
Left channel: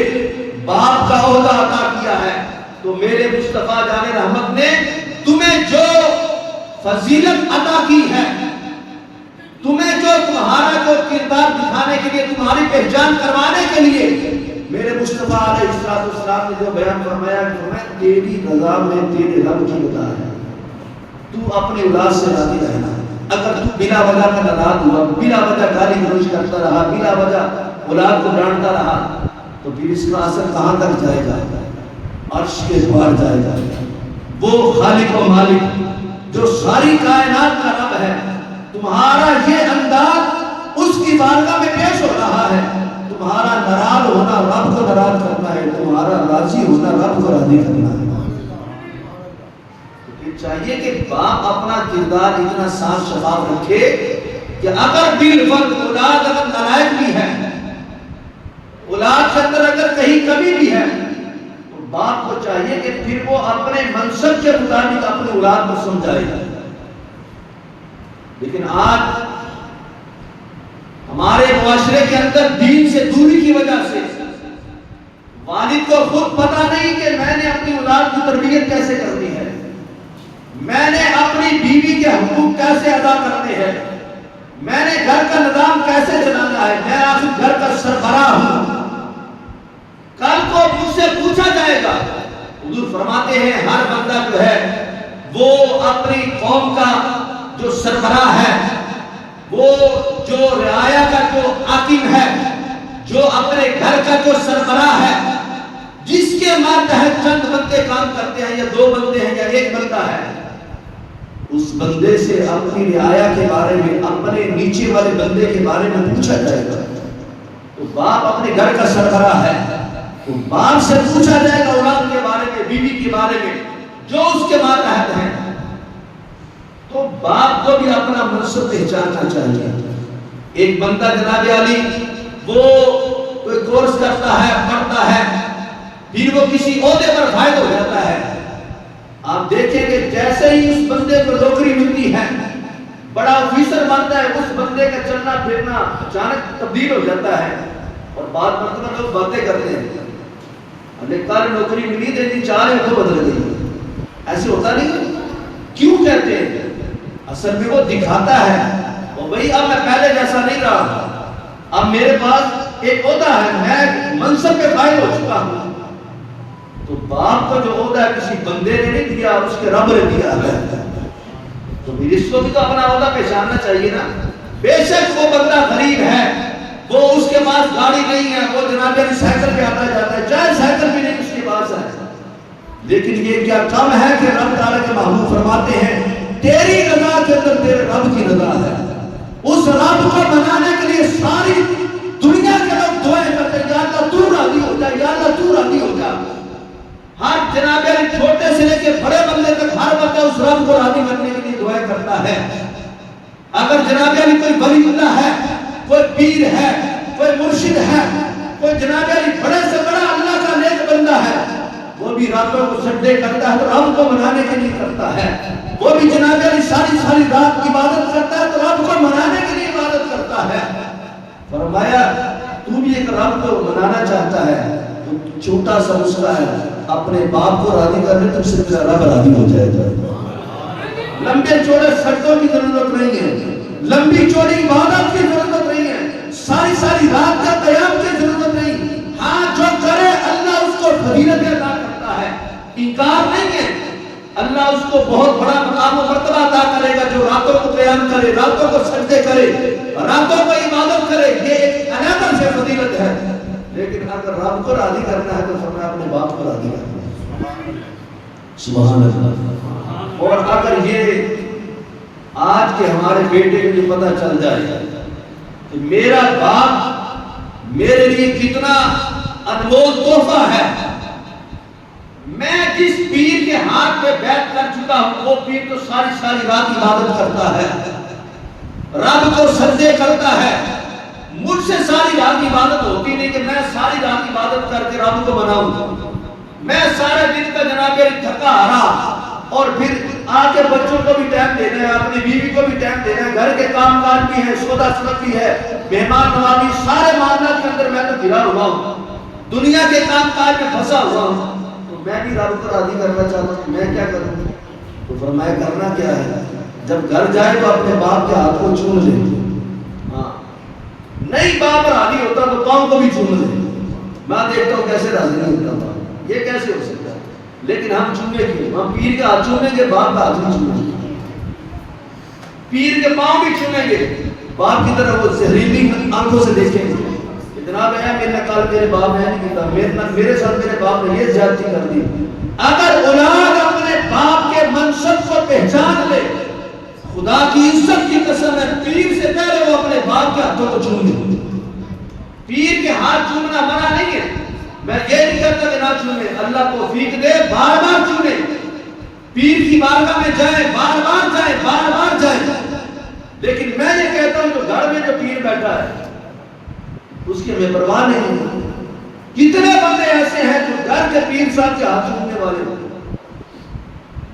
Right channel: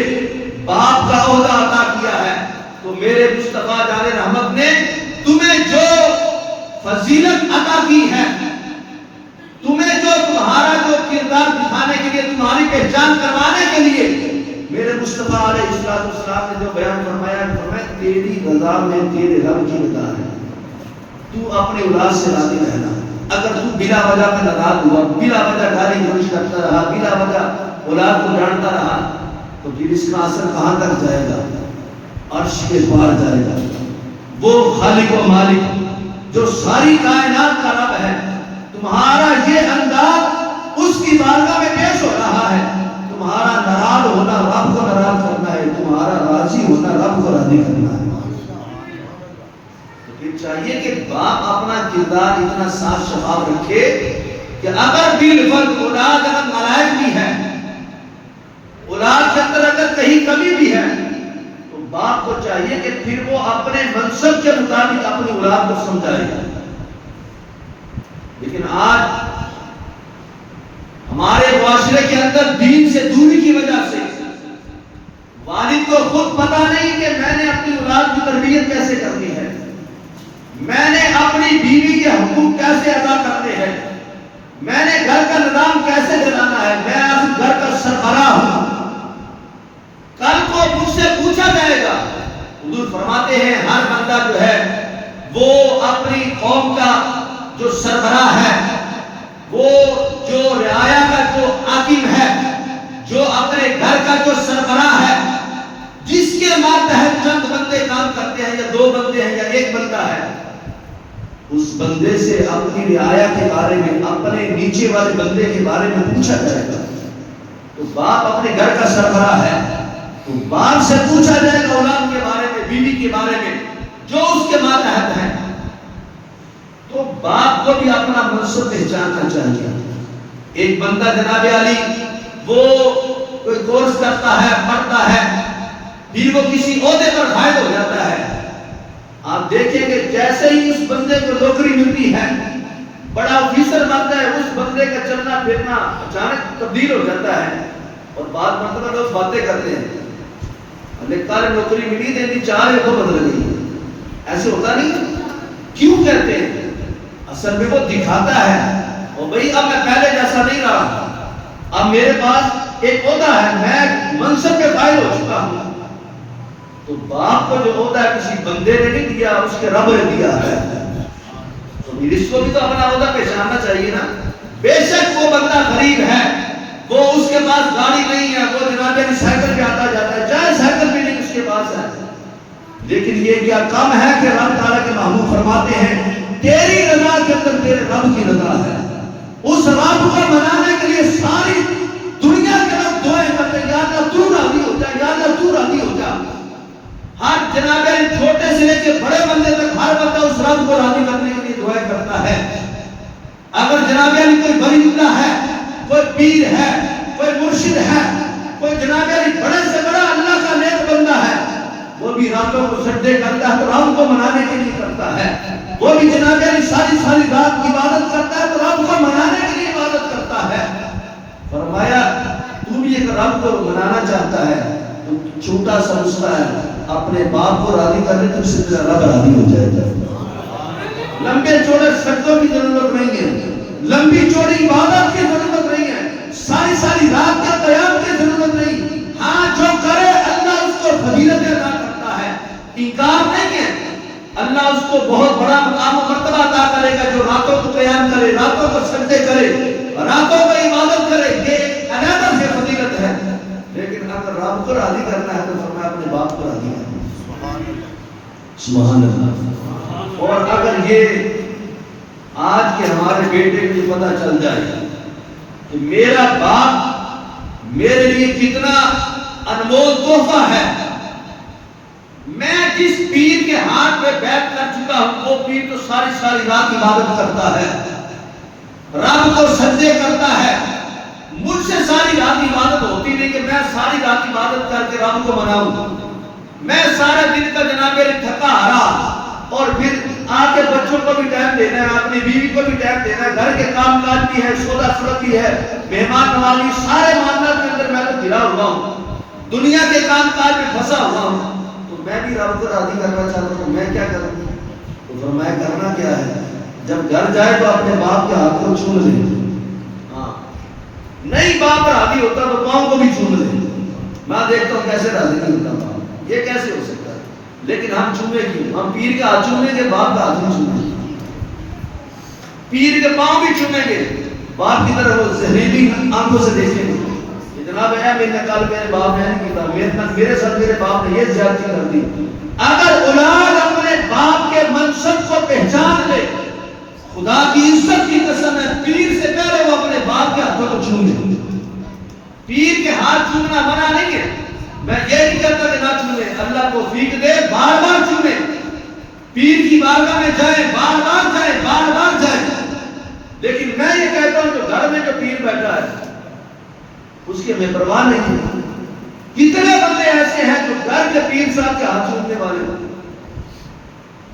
باپ کا عہدہ عطا کیا ہے تو میرے مصطفیٰ جان رحمت نے تمہیں جو فضیلت عطا کی ہے، تمہیں جو تمہارا جو کردار دکھانے کے لیے، تمہاری پہچان کروانے کے لیے میرے مصطفیٰ علیہ السلام نے جو بیان فرمایا کہ تیری رضا میں تیرے رب کی رضا ہے، تو اپنی اولاد سے راضی رہنا۔ اگر تو بلا وجہ کا ناراض ہوا، بلا وجہ گالی گلوچ کرتا رہا، بلا وجہ اولاد کو ڈانٹتا رہا، تو پھر اس کا اثر کہاں تک جائے گا؟ عرش کے پار جائے گا۔ وہ خالق و مالک جو ساری کائنات کا رب ہے، تمہارا یہ انداز اس کی بارگاہ میں پیش ہو رہا ہے، تمہارا ناراض ہونا رب کو ناراض کرنا ہے، تمہارا راضی ہونا رب کو راضی کرنا ہے۔ چاہیے کہ باپ اپنا کردار اتنا صاف شفاف رکھے کہ اگر بالفرض اولاد اگر نالائق بھی ہے، اولاد کے اندر اگر کہیں کمی بھی ہے، تو باپ کو چاہیے کہ پھر وہ اپنے منصب کے مطابق اپنی اولاد کو سمجھائے گا۔ لیکن آج ہمارے معاشرے کے اندر دین سے دوری کی وجہ سے والد کو خود پتہ نہیں کہ میں نے اپنی اولاد کی تربیت کیسے کرنی ہے، میں نے اپنی بیوی کے حقوق کیسے ادا کرنے ہیں، میں نے گھر کا نظام کیسے چلانا ہے، میں آخر گھر کا سربراہ ہوں، کل کو مجھ سے پوچھا جائے گا۔ حضور فرماتے ہیں ہر بندہ جو ہے وہ اپنی قوم کا جو سربراہ ہے، وہ جو رعایا کا جو حاکم ہے، جو اپنے گھر کا جو سربراہ ہے، جس کے ماتحت چند بندے کام کرتے ہیں یا دو بندے ہیں یا ایک بندہ ہے، اس بندے سے اپنی رعایا کے بارے میں، اپنے نیچے والے بندے کے بارے میں پوچھا جائے گا۔ تو باپ اپنے گھر کا سربراہ ہے، تو باپ سے پوچھا جائے گا اولاد کے بارے میں، بیوی کے بارے میں، جو اس کے ماتحت ہیں۔ تو باپ کو بھی اپنا منصب پہچاننا چاہیے۔ ایک بندہ جناب علی وہ کوئی کورس کرتا ہے، پڑھتا ہے، پھر وہ کسی عہدے پر فائد ہو جاتا ہے، آپ دیکھیں کہ جیسے ہی اس بندے کو نوکری ملتی ہے، بڑا آفیسر بنتا ہے، اس بندے کا چلنا پھرنا اچانک تبدیل ہو جاتا ہے، اور بعد مرتبہ لوگ باتیں کرتے ہیں ہمیں کل نوکری ملی تھی 4 کو بدل گئی، ایسے ہوتا نہیں؟ کیوں کہتے ہیں؟ اصل میں وہ دکھاتا ہے اور بھئی اب میں پہلے جیسا نہیں رہا، اب میرے پاس ایک عہدہ ہے، میں منصب پہ فائز ہو چکا ہوں۔ تو باپ کو جو عہدہ کسی بندے نے نہیں دیا، اس کے رب نے دیا ہے، تو پھر اس کو بھی تو اپنا عہدہ پہچاننا چاہیے نا۔ بے شک وہ بندہ غریب ہے، وہ اس کے پاس گاڑی نہیں ہے، وہ جناب علی سائیکل پہ آتا جاتا ہے، چاہے سائیکل بھی نہیں اس کے پاس ہے، لیکن یہ کیا کم ہے کہ رب تعالیٰ کے محبوب فرماتے ہیں تیری رضا کے اندر تیرے رب کی رضا ہے۔ اس رب کو منانے کے لیے ساری دنیا کے لوگ دعائیں کرتے ہیں، یا اللہ تو راضی ہو جا، یا اللہ تو راضی ہو جا۔ ہر جناب علی چھوٹے سے لے کے بڑے بندے تک ہر بندہ اس رب کو راضی کرنے کے لیے دعائیں کرتا ہے۔ اگر جناب علی کوئی ولی اللہ ہے، کوئی پیر ہے، کوئی مرشد ہے، کوئی جناب علی بڑے سے بڑا اللہ کا نیک بندہ ہے، وہ بھی راتوں کو سجدے کرتا ہے تو رب کو منانے کے لیے کرتا ہے، وہ بھی جناب علی ساری رات عبادت کرتا ہے تو رب کو منانے کے لیے عبادت کرتا ہے۔ فرمایا تو بھی ایک رب کو منانا چاہتا ہے تو چھوٹا سا نسخہ ہے، اپنے باپ کو راضی کرنے تو سے رب راضی ہو جائے گا۔ لمبے چوڑے سجدوں کی ضرورت نہیں ہے، لمبی چوڑی عبادت کی ضرورت نہیں ہے، ساری رات کا قیام کی ضرورت نہیں۔ ہاں جو کرے اللہ اس کو فضیلت عطا کرتا ہے، انکار نہیں ہے، اللہ اس کو بہت بڑا مقام و مرتبہ عطا کرے گا جو راتوں کو قیام کرے، راتوں کو سجدے کرے، راتوں کو عبادت کرے، یہ ایک علیحدہ سے فضیلت ہے۔ لیکن اگر رب کو راضی کرنا ہے تو فرمایا اپنے باپ کو راضی کرنا۔ سبحان اللہ۔ اور اگر یہ آج کے ہمارے بیٹے کو یہ پتہ چل جائے کہ میرا باپ میرے لیے کتنا انمول تحفہ ہے، میں جس پیر کے ہاتھ پہ بیعت کر چکا ہوں وہ پیر تو ساری رات عبادت کرتا ہے، سجدے کرتا ہے. مجھ سے ساری رات عبادت ہوتی نہیں کہ میں ساری رات عبادت کر کے رب کو مناؤں. میں سارے دن کا جناب تھکا ہارا اور پھر آ کے بچوں کو بھی ٹائم دینا ہے, اپنی بیوی کو بھی ٹائم دینا ہے, گھر کے کام کاج بھی ہے, سودا سلت بھی ہے, مہمان نوازی, سارے معاملات کے اندر میں تو گھرا ہوا ہوں, دنیا کے کام کاج میں پھنسا ہوا ہوں. تو میں بھی رب کو راضی کرنا چاہتا ہوں, میں کیا کروں؟ تو فرمایا کرنا کیا ہے, جب گھر جائے تو اپنے باپ کے ہاتھ کو چوم لے. ہاں, نہیں باپ راضی ہوتا تو پاؤں کو بھی چوم لے. میں دیکھتا ہوں کیسے راضی نہیں ہوتا باپ, یہ کیسے ہو سکتا ہے؟ لیکن ہم چومے کیوں؟ ہم پیر کا ہاتھ چومیں گے, باپ کا ہاتھ نہیں چومیں گے. پیر کے پاؤں بھی چومیں گے, باپ کی طرح وہ زہریلی آنکھوں سے دیکھیں گے. جناب ہے میں نے کل میرے باپ نے نہیں کیتا, میرے ساتھ میرے باپ نے یہ زیادتی کر دی. اگر اولاد اپنے باپ کے منصب کو پہچان لے, خدا کی عزت کی قسم ہے, پیر سے پہلے وہ اپنے باپ کے ہاتھوں کو چوم لے. پیر کے ہاتھ چومنا منع نہیں ہے, میں یہ نہیں کہتا کہ نہ چومیں, اللہ توفیق دے, بار بار چومیں. پیر کی بارگاہ میں جائیں, بار بار جائیں, بار بار جائیں. لیکن میں یہ کہتا ہوں کہ گھر میں جو پیر بیٹھا ہے اس کے میں پرواہ نہیں ہے. کتنے بندے ایسے ہیں جو گھر کے پیر صاحب کے ہاتھ چومنے والے ہیں.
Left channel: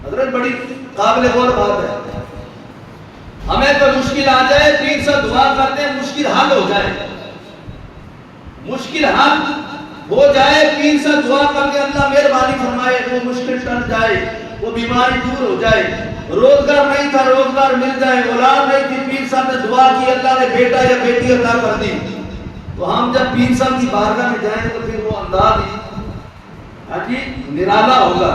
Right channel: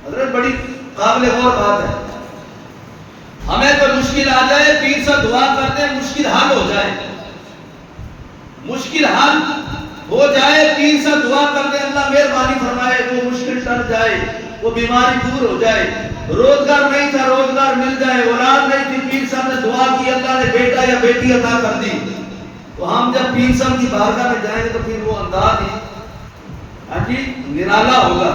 حضرت بڑی قابل غور بات ہے. ہمیں تو مشکل آ جائے, پیر صاحب دعا کرتے ہیں مشکل حل ہو جائے, مشکل حل ہو جائے, پیر صاحب دعا کرتے ہیں اللہ مہربانی فرمائے, وہ مشکل ٹل جائے, وہ بیماری دور ہو جائے, روزگار نہیں تھا روزگار مل جائے, اولاد نہیں تھی پیر صاحب نے دعا کی اللہ نے بیٹا یا بیٹی عطا کر دی. تو ہم جب پیر صاحب کی بارگاہ میں جائیں گے تو پھر وہ انداز ہی نرالا ہوگا.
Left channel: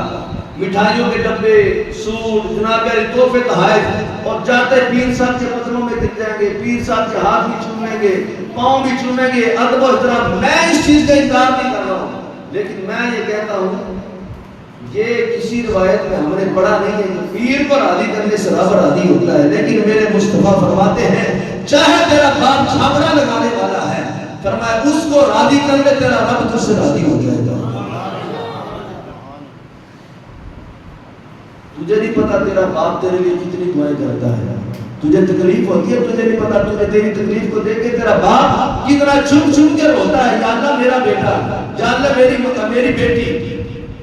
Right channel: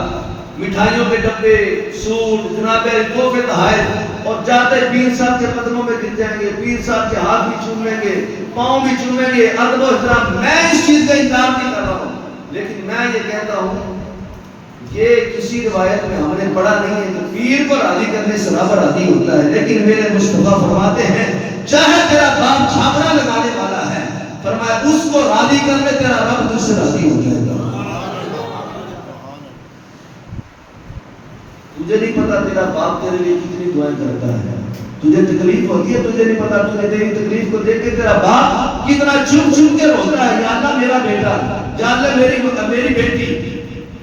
مٹھائیوں کے ڈبے, سوٹ, جناب تحفے تحائف, اور جاتے پیر صاحب کے قدموں میں گر جائیں گے, پیر صاحب کے ہاتھ بھی چومیں گے, پاؤں بھی چومیں گے, ادب و احترام. میں اس چیز کا انکار نہیں کر رہا ہوں, لیکن میں یہ کہتا ہوں یہ کسی روایت میں ہم نے پڑھا نہیں ہے کہ پیر کو راضی کرنے سے رب راضی ہوتا ہے. لیکن میرے مصطفیٰ فرماتے ہیں چاہے تیرا باپ جھاگڑا لگانے والا ہے, فرمایا اس کو راضی کرنے تیرا رب تجھ سے راضی ہو جائے گا. تجھے نہیں پتا تیرا باپ تیرے لیے کتنی دعائیں کرتا ہے, تجھے تکلیف ہوتی ہے, تجھے نہیں پتا تجھے تیری تکلیف کو دیکھ کے تیرا باپ کتنا چم چم کے روتا ہے, یا اللہ میرا بیٹا, یا اللہ میری بیٹی.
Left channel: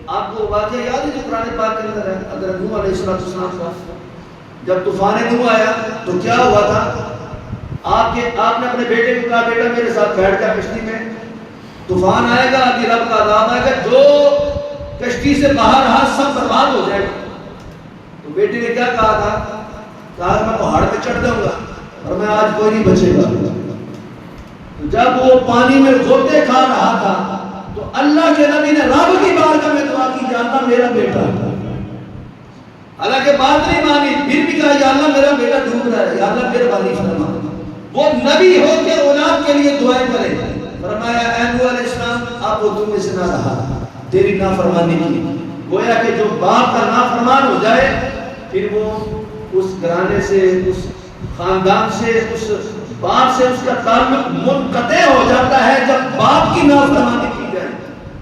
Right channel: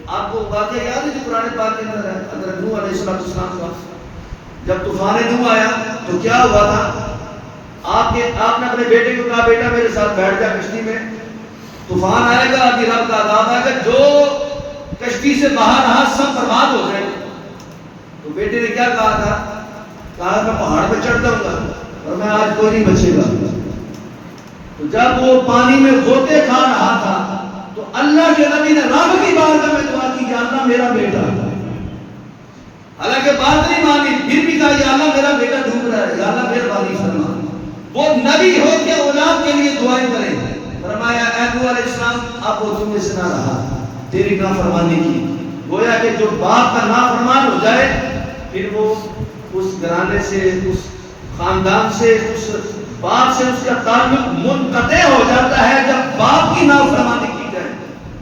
آپ کو واقعہ یاد ہے جو قرآن پاک کے اندر ہے, حضرت نوح علیہ السلام کا جب طوفان نوح آیا تو کیا ہوا تھا؟ آپ نے اپنے بیٹے کو کہا بیٹا میرے ساتھ بیٹھ جا کشتی میں, طوفان آئے گا, ابھی رب کا عذاب آئے گا, جو کشتی سے باہر رہا سب برباد ہو جائے گا. تو بیٹے نے کیا کہا تھا؟ کہا میں پہاڑ پہ چڑھ جاؤں گا اور میں آج کوئی نہیں بچے گا. تو جب وہ پانی میں غوطے کھا رہا تھا تو اللہ کے نبی نے رب کی بارگاہ میں دعا کی یا اللہ میرا بیٹا, حالانکہ بات نہیں مانی, پھر بھی کہا یا اللہ میرا بیٹا ڈوب رہا ہے, یا اللہ مہربانی فرما. وہ نبی ہو کے اولاد کے لیے دعائیں کرے. فرمایا اے نوح علیہ السلام اب وہ تم میں سے نہ رہا, تیری نافرمانی کی. گویا کہ جو باپ کا نافرمان ہو جائے پھر وہ اس گھرانے سے, اس خاندان سے, اس باپ سے اس کا تعلق منقطع ہو جاتا ہے. جب باپ کی نافرمانی کی جائے,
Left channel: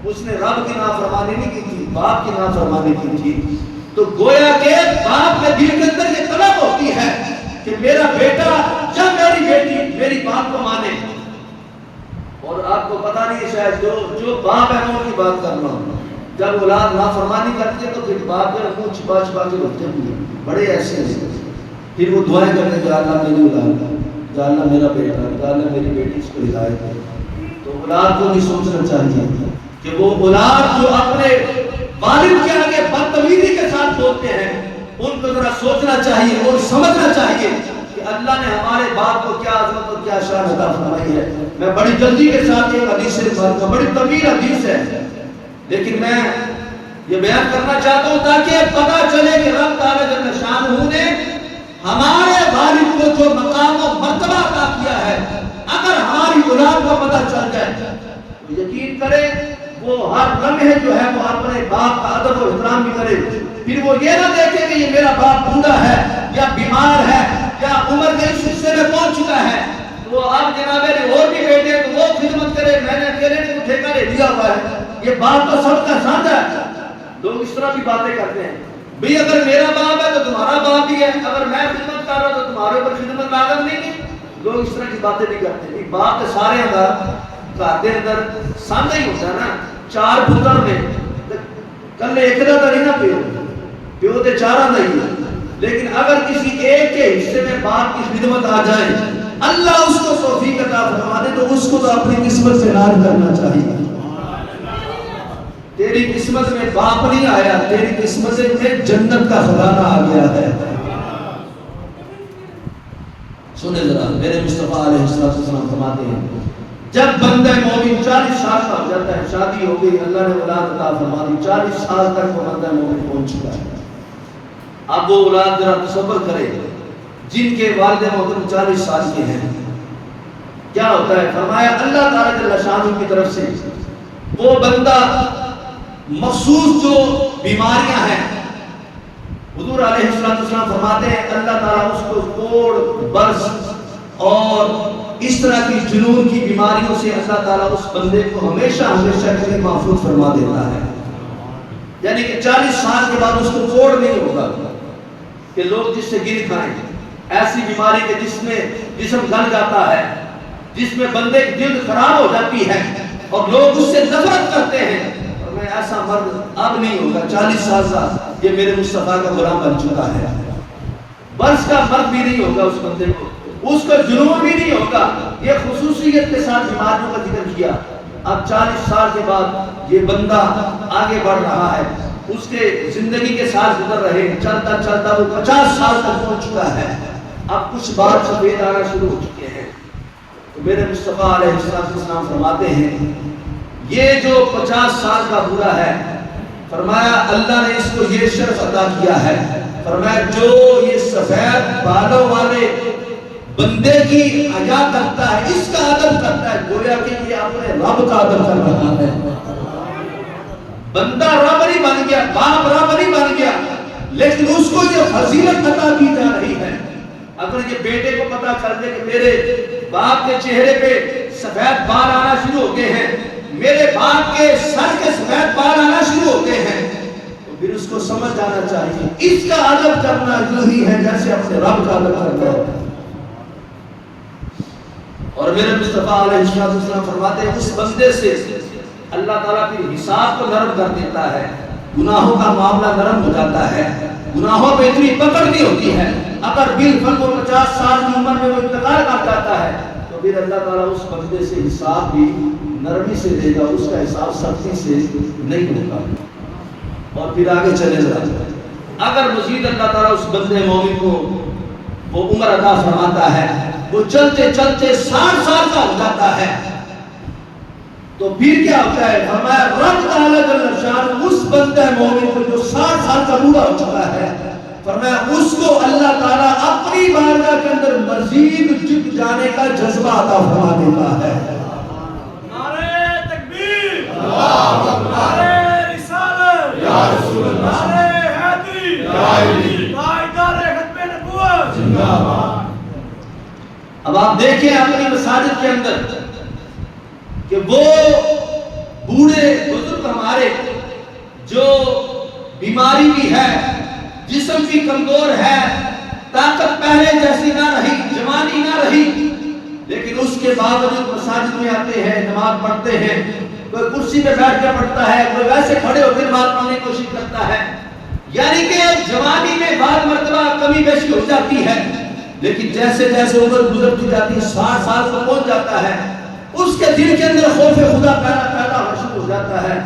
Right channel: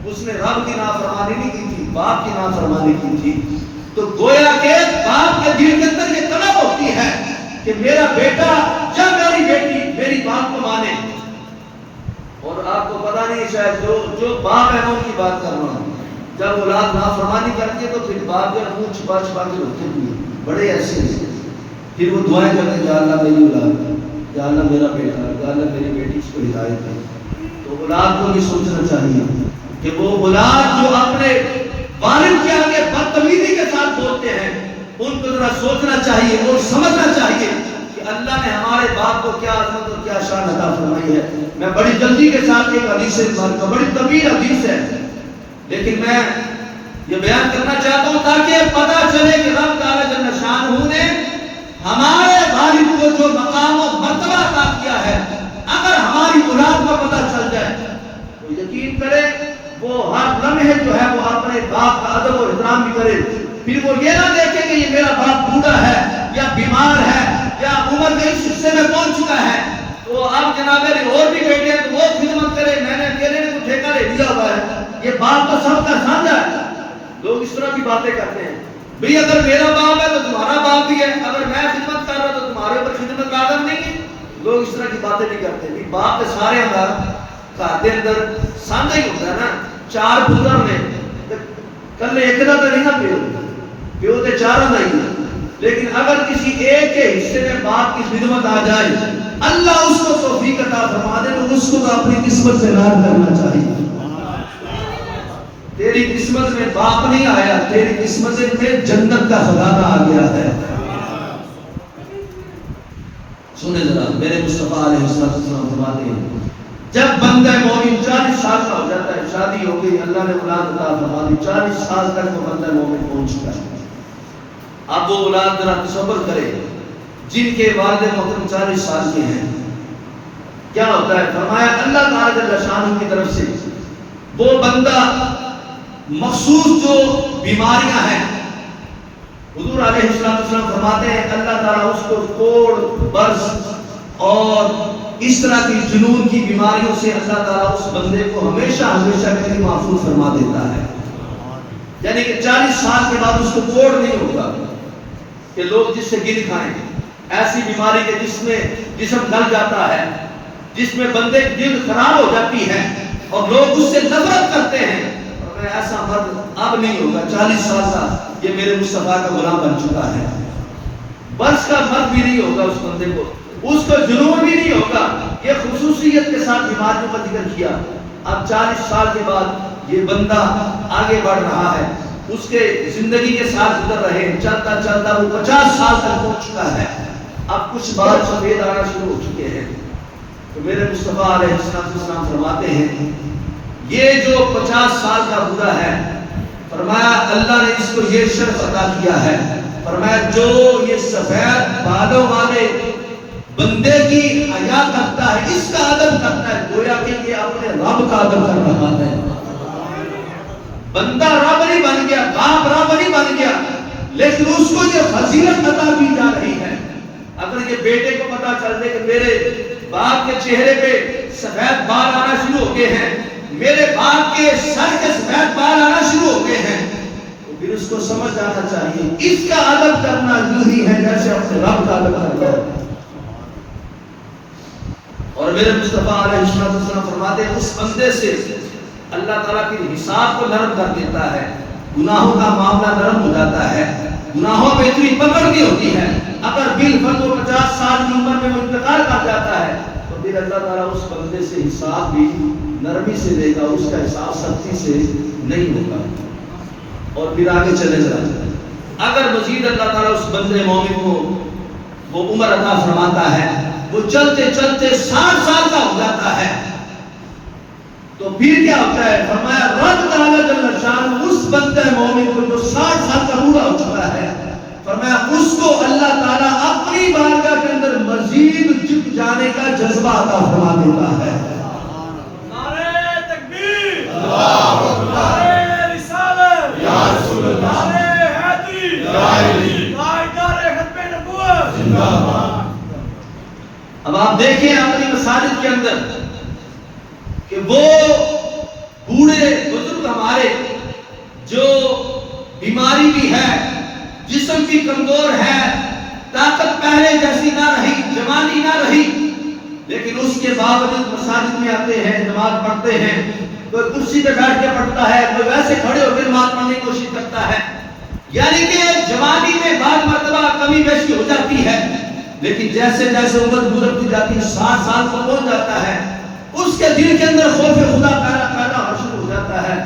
اس نے رب کی نافرمانی نہیں کی تھی, باپ کی نافرمانی کی تھی. تو گویا کہ باپ کے دل کے اندر یہ طلب ہوتی ہے کہ میرا بیٹا یا میری بیٹی میری بات کو مانے. اور آپ کو پتا نہیں شاید جو باپ ہے وہ کی بات کر رہا ہوں, جب اولاد نافرمانی کرتی ہے تو پھر باپ جو منہ چھپا چھپا کے روتے بھی ہیں, بڑے ایسے ہیں. پھر وہ دعائیں کرتے ہیں یا اللہ میری اولاد, یا اللہ میرا بیٹا, یا اللہ میری بیٹی, اس کو ہدایت ہے. تو اولاد کو نہیں سوچنا چاہیے کہ وہ اولاد جو اپنے والد کے آگے بدتمیزی کے ساتھ بولتے ہیں, ان کو ذرا سوچنا چاہیے اور سمجھنا چاہیے کہ اللہ نے ہمارے باپ کو کیا عظمت اور کیا شان عطا فرمائی ہے. میں بڑی جلدی کے ساتھ ایک حدیث سے کا بڑی طویل حدیث ہے, لیکن میں یہ بیان کرنا چاہتا ہوں تاکہ پتہ چلے کہ رب تعالی جل شانہ نے ہمارے والد کو جو مقام و مرتبہ عطا کیا ہے, اگر ہماری اولاد کو پتہ چل جائے تو یقین کرے وہ ہر لمحے جو ہے وہ اپنے باپ کا ادب و احترام بھی کرے. پھر وہ یہ نہ دیکھے کہ یہ میرا باپ بوڑھا ہے یا بیمار ہے یا عمر کے اس حصے میں پہنچ چکا ہے تو اب جناب میری اور بھی بیٹے ہیں تو وہ خدمت کرے, میں نے اکیلے نے کوئی ٹھیکہ لے دیا ہوا ہے, یہ باپ تو سب کا سانجھا ہے. لوگ اس طرح بھی باتیں کرتے ہیں, بھئی اگر میرا باپ ہے تو تمہارا باپ بھی ہے, اگر میں خدمت کر رہا تو تمہارے اوپر خدمت لازم نہیں ہے. لوگ اس طرح کی باتیں نہیں کرتے کہ باپ کے سارے اندر گھر کے اندر سانجا ہی ہوتا ہے نا، 4 پتر نے کل ایک دا تو نہیں نا پیو تے 4 دا ہی، لیکن اگر کسی ایک کے حصے میں باپ کی خدمت آ جائے اللہ اس کو توفیق عطا فرما دے تو اس کو تو اپنی قسمت سے ناز کرنا چاہیے۔ تیری قسمت میں باپ نہیں آیا، تیری قسمت میں جنت کا خزانہ آ گیا ہے۔ سنیں ذرا، میرے مصطفیٰ علیہ السلام فرماتے ہیں جب بندہ مومن 40 سال کا ہو جاتا ہے، شادی ہو گئی، اللہ نے اولاد عطا فرما دی، 40 سال تک وہ بندہ مومن پہنچ چکا ہے۔ اب وہ اولاد ذرا تصور کرے جن کے والد محترم 40 سال کے ہیں، کیا ہوتا ہے؟ فرمایا اللہ تعالیٰ جل شانہ کی طرف سے وہ بندہ مخصوص جو بیماریاں ہیں، حضور علیہ السلام فرماتے ہیں اللہ تعالیٰ اس کو کوڑ برس اور اس طرح کی جنون کی بیماریوں سے اللہ تعالیٰ اس بندے کو ہمیشہ ہمیشہ کے لیے محفوظ فرما دیتا ہے۔ یعنی کہ 40 سال کے بعد اس کو کوڑ نہیں ہوگا کہ لوگ جس سے گر کھائیں، ایسی بیماری کے جس میں جسم گل جاتا ہے، جس میں بندے کی جلد خراب ہو جاتی ہے اور لوگ اس سے نفرت کرتے ہیں، اور میں ایسا مرد اب نہیں ہوگا۔ 40 سال کا یہ میرے مصطفیٰ کا غلام بن چکا ہے۔ برس کا مرد بھی نہیں ہوگا اس بندے کو، اس کو جنون بھی نہیں ہوگا۔ یہ خصوصیت کے ساتھ بیماریوں کا ذکر کیا۔ اب 40 سال کے بعد یہ بندہ آگے بڑھ رہا ہے، اس کے زندگی کے ساتھ گزر رہے، چلتا چلتا وہ 50 سال تک پہنچ چکا ہے۔ اب کچھ بال سفید آنا شروع ہو چکے ہیں، تو میرے مصطفیٰ علیہ السلام فرماتے ہیں یہ جو 50 سال کا بوڑھا ہے، فرمایا اللہ نے اس کو یہ شرف عطا کیا ہے، فرمایا جو یہ سفید بالوں والے بندے کی حیا کرتا ہے، اس کا ادب کرتا ہے، گویا کہ یہ اپنے رب کا ادب کر رہا ہے۔ بندہ رب نہیں بن گیا، باپ رب نہیں بن گیا، لیکن اس کو یہ فضیلت عطا کی جا رہی ہے۔ اگر یہ بیٹے کو پتا چل جائے کہ میرے باپ کے چہرے پہ سفید بال آنا شروع ہو گئے ہیں، میرے باپ کے سر کے سفید بال آنا شروع ہو گئے ہیں، تو پھر اس کو سمجھ آنا چاہیے اس کا ادب کرنا یوں ہی ہے جیسے اپنے رب کا ادب کرنا ہے۔ اور میرے مصطفیٰ علیہ السلام فرماتے ہیں اس بندے سے اللہ تعالیٰ کی حساب کو نرم کر دیتا ہے، گناہوں کا معاملہ نرم ہو جاتا ہے، گناہوں پہ اتنی پکڑ نہیں ہوتی ہے۔ اگر بالفرض وہ 50 سال کی عمر میں وہ انتقال کر جاتا ہے تو پھر اللہ تعالیٰ اس بندے سے حساب بھی نرمی سے لے گا، اس کا حساب سختی سے نہیں ہوگا۔ اور پھر آگے چلے جاتا ہے، اگر مزید اللہ تعالیٰ اس بندے مومن کو وہ عمر عطا فرماتا ہے، وہ چلتے چلتے 60 سال کا ہو جاتا ہے، تو پھر کیا ہوتا ہے؟ فرمایا رب تعالیٰ جل شانہ اس بندے مومن کو جو 60 سال کا بوڑھا ہو چکا ہے، فرمایا اس کو اللہ تعالیٰ اپنی بارگاہ کے اندر مزید جھک جانے کا جذبہ عطا فرما دیتا ہے۔ نعرہ تکبیر، اللہ اکبر، نعرہ رسالت، یا رسول اللہ، نعرہ حیدری، یا علی، نعرہ ختم نبوت، زندہ باد۔ اب آپ دیکھیں اپنی مساجد کے اندر کہ وہ بوڑھے بزرگ ہمارے جو بیماری بھی ہے، جسم بھی کمزور ہے، طاقت پہلے جیسی نہ رہی، جوانی نہ رہی، لیکن اس کے باوجود مساجد میں آتے ہیں، نماز پڑھتے ہیں، کوئی کرسی پہ بیٹھ کے پڑھتا ہے، کوئی ویسے کھڑے ہو کے نماز پڑھنے کی کوشش کرتا ہے۔ یعنی کہ جوانی میں بعض مرتبہ کمی بیشی ہو جاتی ہے، لیکن جیسے جیسے عمر گزرتی جاتی ہے، 60 سال کو پہنچ جاتا ہے، اس کے دل کے اندر خوف خدا پیدا ہونا شروع ہو جاتا ہے۔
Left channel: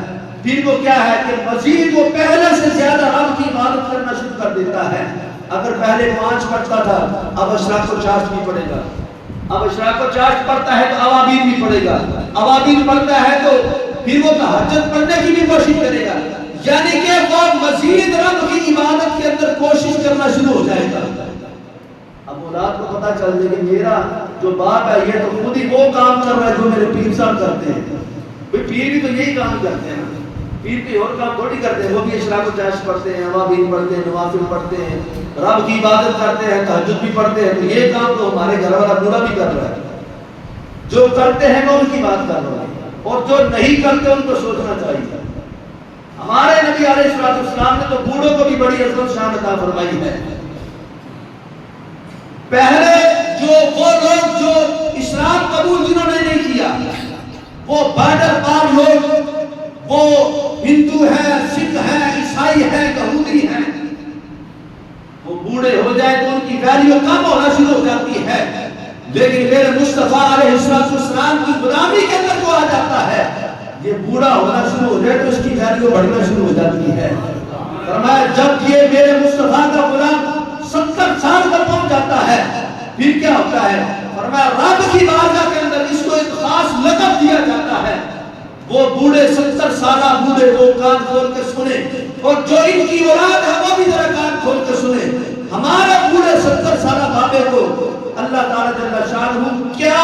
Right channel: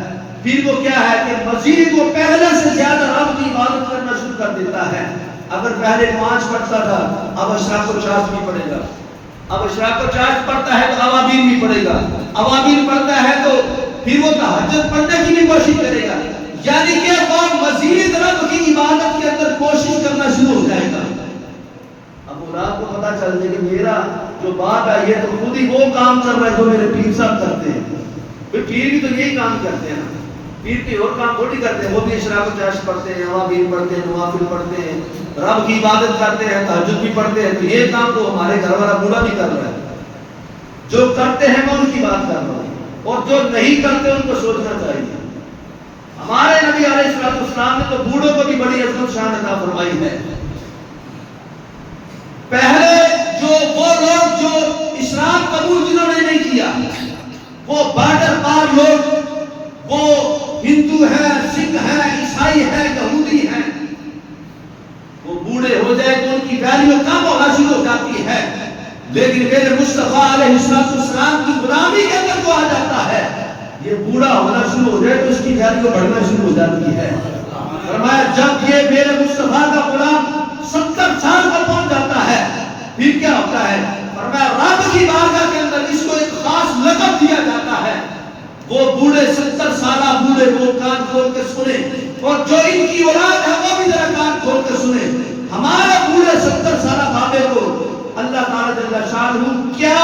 پھر وہ کیا ہے کہ مزید وہ پہلے سے زیادہ رب کی عبادت کرنا شروع کر دیتا ہے۔ اگر پہلے 5 پڑھتا تھا، اب اشراق و چاشت بھی پڑھے گا، اب اشراق و چاشت پڑھتا ہے تو اوابین بھی پڑھے گا، اوابین پڑھتا ہے تو پھر وہ تہجد پڑھنے کی بھی کوشش کرے گا، یعنی کہ وہ مزید رب کی عبادت کے اندر کوشش کرنا شروع ہو جائے گا۔ اب اولاد کو پتا چل جائے کہ میرا جو باپ ہے یہ تو خود ہی وہ کام کر رہا ہے جو میرے پیر صاحب کرتے ہیں۔ بھئی پیر بھی تو یہی کام کرتے ہیں، پیر بھی اور کام تھوڑی کرتے ہیں، وہ بھی اشراق و چاشت پڑھتے ہیں، اوابین پڑھتے ہیں، نوافل پڑھتے ہیں، رب کی عبادت کرتے ہیں، تہجد بھی پڑھتے ہیں، تو یہ کام تو ہمارے گھر والا بوڑھا بھی کر رہا ہے۔ جو کرتے ہیں میں ان کی بات کر رہا ہوں، اور جو نہیں کرتے ان کو سوچنا چاہیے۔ ہمارے نبی علیہ السلام نے تو بوڑھوں کو بھی بڑی عزت شان عطا فرمائی ہے۔ پہلے جو وہ لوگ جو لیکن میرے مصطفیٰ علیہ السلام کی غلامی کے اندر کو آ جاتا ہے، یہ بوڑھا ہونا شروع ہو جائے تو اس کی ویلیو بڑھنا شروع ہو جاتی ہے۔ فرمایا جب یہ میرے مصطفیٰ کا غلام 70 سال پر پہنچ جاتا ہے پھر کیا ہوتا ہے؟ فرمایا رب کی بارگاہ کے اندر اس کو ایک خاص لقب دیا جاتا ہے۔ وہ بوڑھے 70 سالہ بوڑھے وہ کان کھول کے سنے، اور جو ان کی اولاد ہے وہ بھی ذرا کان کھول کے سنے۔ ہمارے بوڑھے 70 سالہ بابے کو اللہ تعالیٰ جل شانہ کیا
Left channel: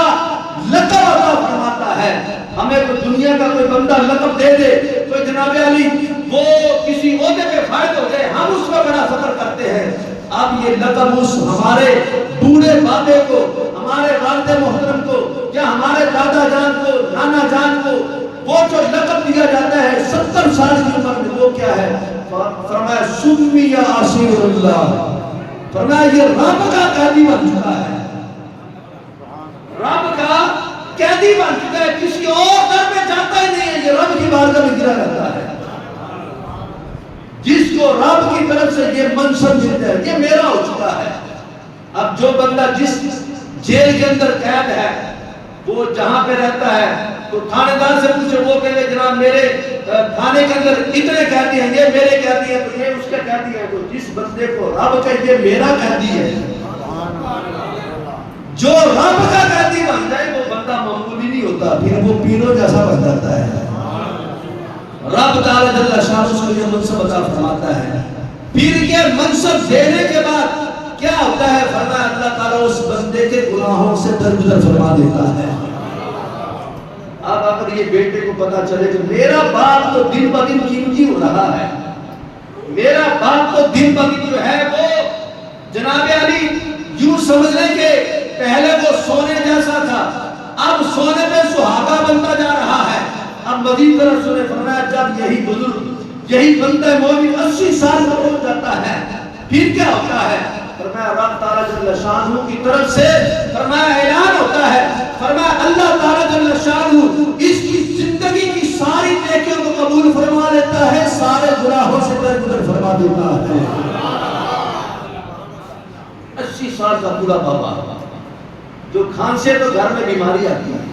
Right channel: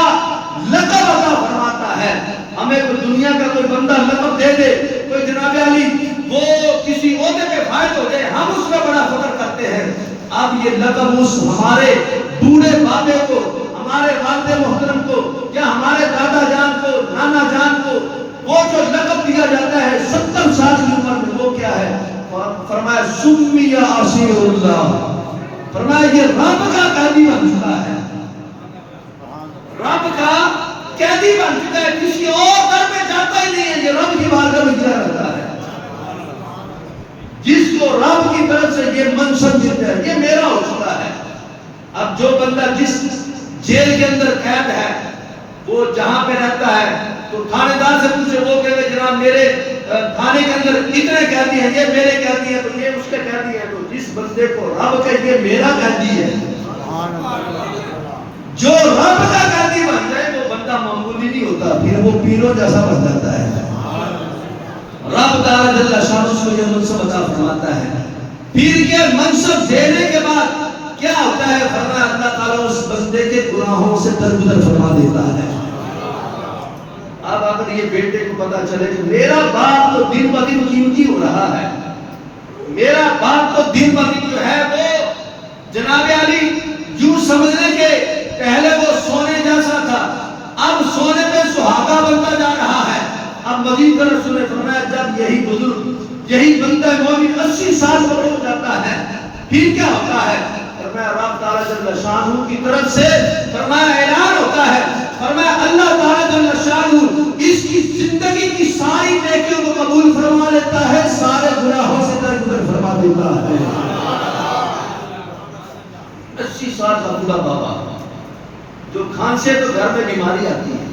لقب عطا فرماتا ہے۔ ہمیں کوئی دنیا کا کوئی بندہ لقب دے دے، کوئی جناب علی وہ کسی عہدے پہ فائد ہو جائے، ہم اس کا بڑا فخر کرتے ہیں۔ اب یہ لقب اس ہمارے بوڑھے بابے کو، ہمارے والد محترم کو، یا ہمارے دادا جان کو، نانا جان کو وہ جو لقب دیا جاتا ہے 70 سال کی عمر میں، وہ کیا ہے؟ فرمایا سمی اسیر اللہ، فرمایا یہ رب کا قیدی بن چکا ہے، رب کا قیدی بن چکا ہے، کسی اور در میں جاتا ہی نہیں ہے، یہ رب کی بارگاہ میں گرا رہتا ہے۔ جس کو رب کی طرف سے یہ منصب ملتا ہے، یہ میرا ہو چکا ہے۔ اب جو بندہ جس جیل کے اندر قید ہے، وہ جہاں پہ رہتا ہے تو تھانے دار سے پوچھے، وہ کہتے ہیں جناب میرے تھانے کے اندر اتنے قیدی ہیں، یہ میرے قیدی ہیں، تو یہ اس کے قیدی ہیں۔ تو جس بندے کو رب کہ یہ میرا قیدی ہے، جو رب کا قیدی بن جائے وہ بندہ معمولی نہیں ہوتا، پھر وہ پینوں جیسا بن جاتا ہے۔ رب تعالیٰ جل شانہ اس کو یہ منصب عطا فرماتا ہے۔ پھر یہ منصب دینے کے بعد کیا ہوتا ہے؟ فرمایا اللہ تعالیٰ اس بندے کے گناہوں سے درگزر فرما دیتا ہے۔ اب اگر یہ بیٹے کو پتا چلے کہ میرا باپ تو دن بہ دن قیمتی ہو رہا ہے، میرا باپ تو دن بہ دن جو ہے وہ جناب علی یوں سمجھنے کے پہلے وہ سونے جیسا تھا، اب سونے پہ سہاگا بنتا جا رہا ہے۔ اب مزید طرف سنے، فرمایا جب یہی بزرگ، یہی بندہ مومن 80 سال کا ہو جاتا ہے پھر کیا ہوتا ہے؟ فرمایا رب تعالیٰ جل شانہ کی طرف سے فرمایا اعلان ہوتا ہے، فرمایا اللہ تعالیٰ جل شانہ اس کی زندگی کی ساری نیکیوں کو قبول فرما لیتا ہے، سارے گناہوں سے درگزر فرما دیتا ہے۔ 80 سال کا بوڑھا بابا جو کھانسے تو گھر میں بیماری آتی ہے،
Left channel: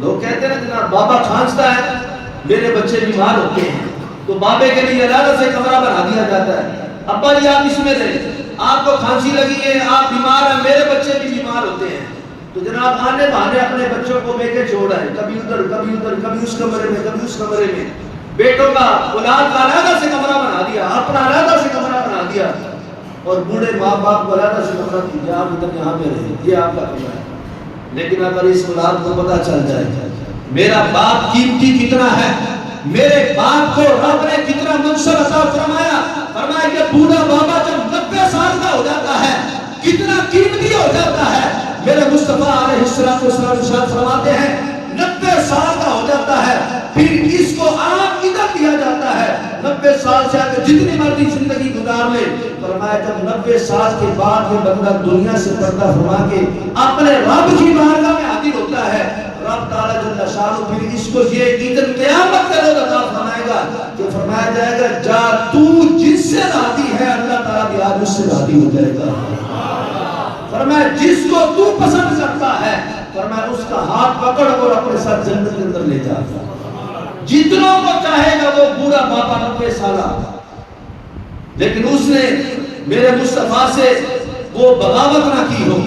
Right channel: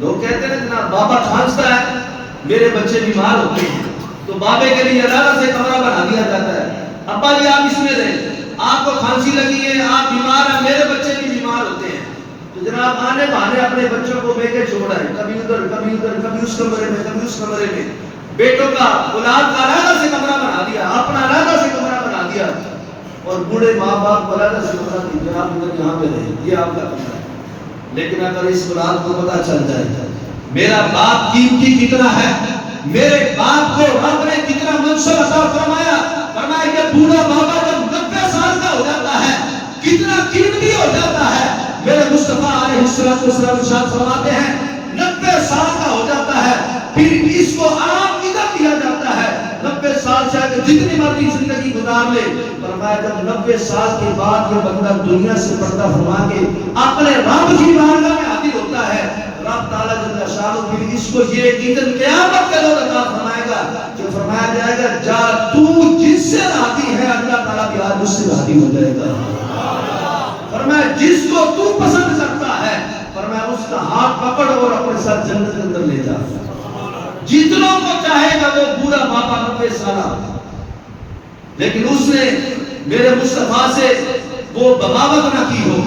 لوگ کہتے ہیں جناب بابا کھانستا ہے، میرے بچے بیمار ہوتے ہیں، تو بابے کے لیے علیحدہ سے کمرہ بنا دیا جاتا ہے، ابا جی آپ اس میں رہیں، آپ کو کھانسی لگی ہے، آپ بیمار ہیں، میرے بچے بھی بیمار ہوتے ہیں، تو جناب آنے بہانے اپنے بچوں کو لے کے چھوڑ آئے، کبھی ادھر کبھی ادھر، کبھی اس کمرے میں کبھی اس کمرے میں، بیٹوں کا اولاد کا علیحدہ سے کمرہ بنا دیا، اپنا علیحدہ سے کمرہ بنا دیا، اور بوڑھے ماں باپ کو علیحدہ سے کمرہ دیا، آپ ادھر یہاں پہ رہیں، یہ آپ کا کمرہ ہے۔ لیکن اگر اس اولاد کو پتا چل جائے میرا باپ قیمتی کتنا ہے، میرے باپ کو رب نے کتنا منصب عطا فرمایا، فرمایا کہ بوڑھا بابا جب 90 سال کا ہو جاتا ہے کتنا قیمتی ہو جاتا ہے۔ میرے مصطفیٰ علیہ السلام ارشاد فرماتے ہیں 90 سال کا ہو جاتا ہے پھر اس کو عام عزت دیا جاتا ہے، 90 سال سے آگے جتنی مرضی زندگی گزار لے، فرمایا جب 90 سال کے بعد یہ بندہ دنیا سے پردہ فرما کے اپنے رب کی بارگاہ میں حاضر ہوتا ہے، رب تعالیٰ جل شانہ پھر اس کو یہ عزت قیامت کے روز عطا فرمائے گا کہ فرمایا جائے گا جا تو جس سے راضی ہے اللہ تعالیٰ بھی آج اس سے راضی ہو جائے گا۔ فرمایا جس کو تو پسند کرتا ہے فرمایا اس کا ہاتھ پکڑ اور اپنے ساتھ جنت کے اندر لے جا، جتنوں کو چاہے گا وہ بوڑھا باپا 90 سالہ، لیکن اس نے میرے مصطفیٰ سے وہ بغاوت نہ کی ہو،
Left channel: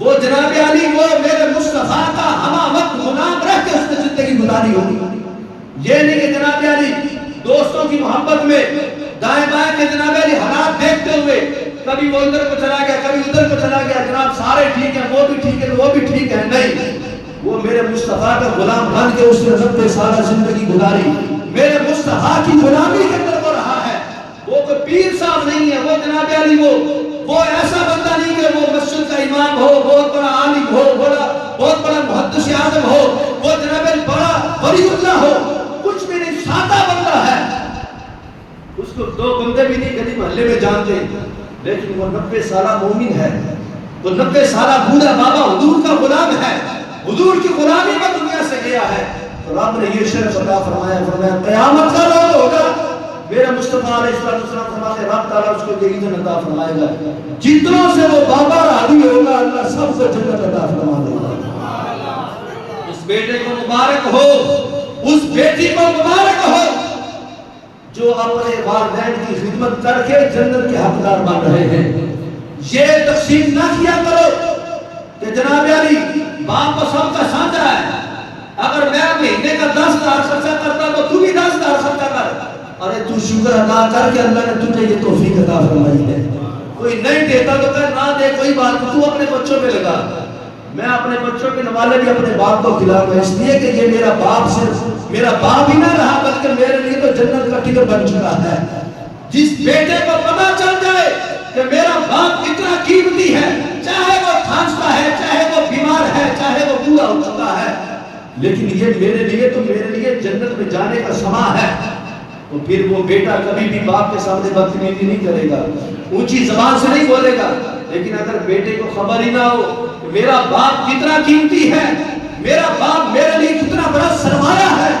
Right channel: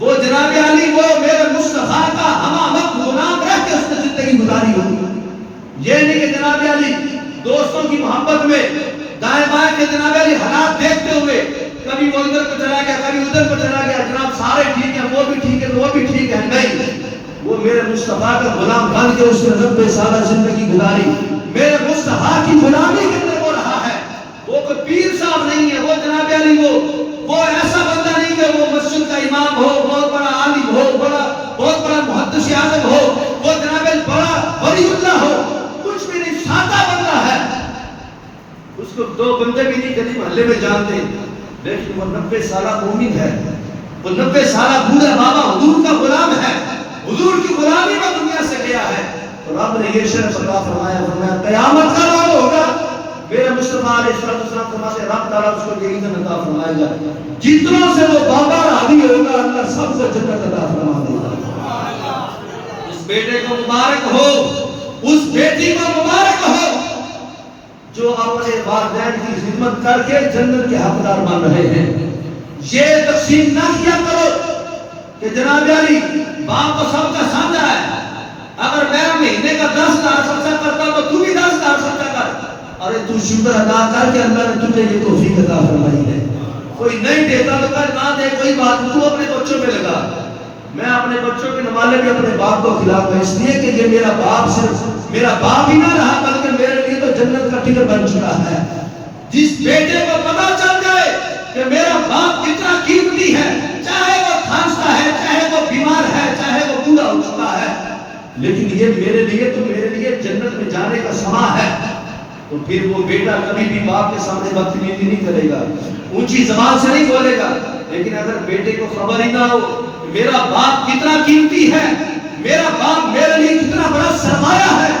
وہ جناب علی وہ میرے مصطفیٰ کا ہمہ وقت غلام رہ کے اس نے زندگی گزاری ہوگی۔ یہ نہیں کہ جناب علی دوستوں کی محبت میں دائیں بائیں کے جناب علی حالات دیکھتے ہوئے کبھی وہ ادھر کو چلا گیا کبھی ادھر کو چلا گیا، جناب سارے ٹھیک ہیں، وہ بھی ٹھیک ہے، وہ بھی ٹھیک ہے، نہیں، وہ میرے مصطفیٰ کا غلام بن کے اس نے 90 سالہ زندگی گزاری، میرے مصطفیٰ کی غلامی کے اندر وہ رہا ہے، وہ کوئی پیر صاحب نہیں ہے، وہ جناب علی وہ ایسا بندہ نہیں کہ وہ مسجد کا امام ہو، بہت بڑا عالم ہو، بہت بڑا محدث اعظم ہو، وہ جناب علی بڑا ولی اللہ ہو، کچھ بھی نہیں، سادہ بندہ ہے، اس کو 2 بندے بھی نہیں گلی محلے میں جانتے، لیکن وہ 90 سالہ مومن ہے، وہ 90 سالہ بوڑھا بابا حضور کا غلام ہے، حضور کی غلامی میں دنیا سے گیا ہے، تو رب نے یہ شرف عطا فرمایا، فرمایا قیامت کا روز ہوگا میرے مصطفیٰ علیہ السلام فرماتے رب تعالیٰ اس کو یہ عزت عطا فرمائے گا، جتنوں سے وہ بابا راضی ہوگا اللہ سب کو جنت عطا فرما دے گا۔ اس بیٹے کو مبارک ہو، اس بیٹی کو مبارک ہو جو اپنے والدین کی خدمت کر کے جنت کے حقدار بن رہے ہیں۔ یہ تقسیم نہ کیا کرو کہ جناب علی باپ تو سب کا سانجا ہے، اگر میں مہینے کا 10,000 خرچہ کرتا تو تو بھی 10,000 خرچہ کر۔ ارے تو شکر ادا کر کے اللہ نے تجھے یہ توفیق عطا فرمائی ہے۔ کوئی نہیں دیتا تو کہا نہ دے کوئی بات، تو اپنے بچوں میں لگا۔ میں اپنے بچوں کے نوالے بھی اپنے باپ کو کھلاؤں اس لیے کہ یہ میرا باپ صرف میرا باپ ہی نہ رہا بلکہ میرے لیے تو جنت کا ٹکٹ بن چکا ہے۔ جس بیٹے کو پتہ چل جائے کہ میرا باپ کتنا قیمتی ہے، چاہے وہ کھانستا ہے، چاہے وہ بیمار ہے، چاہے وہ بوڑھا ہو چکا ہے، لیکن یہ میرے لیے تو میرے لیے جنت میں جانے کا سما ہے، تو پھر وہ بیٹا کبھی بھی باپ کے سامنے بدتمیزی نہیں کرے گا، اونچی زبان سے نہیں بولے گا۔ لیکن اگر بیٹے کو خبر ہی نہ ہو کہ میرا باپ کتنا قیمتی ہے، میرا باپ میرے لیے کتنا بڑا سرمایہ ہے،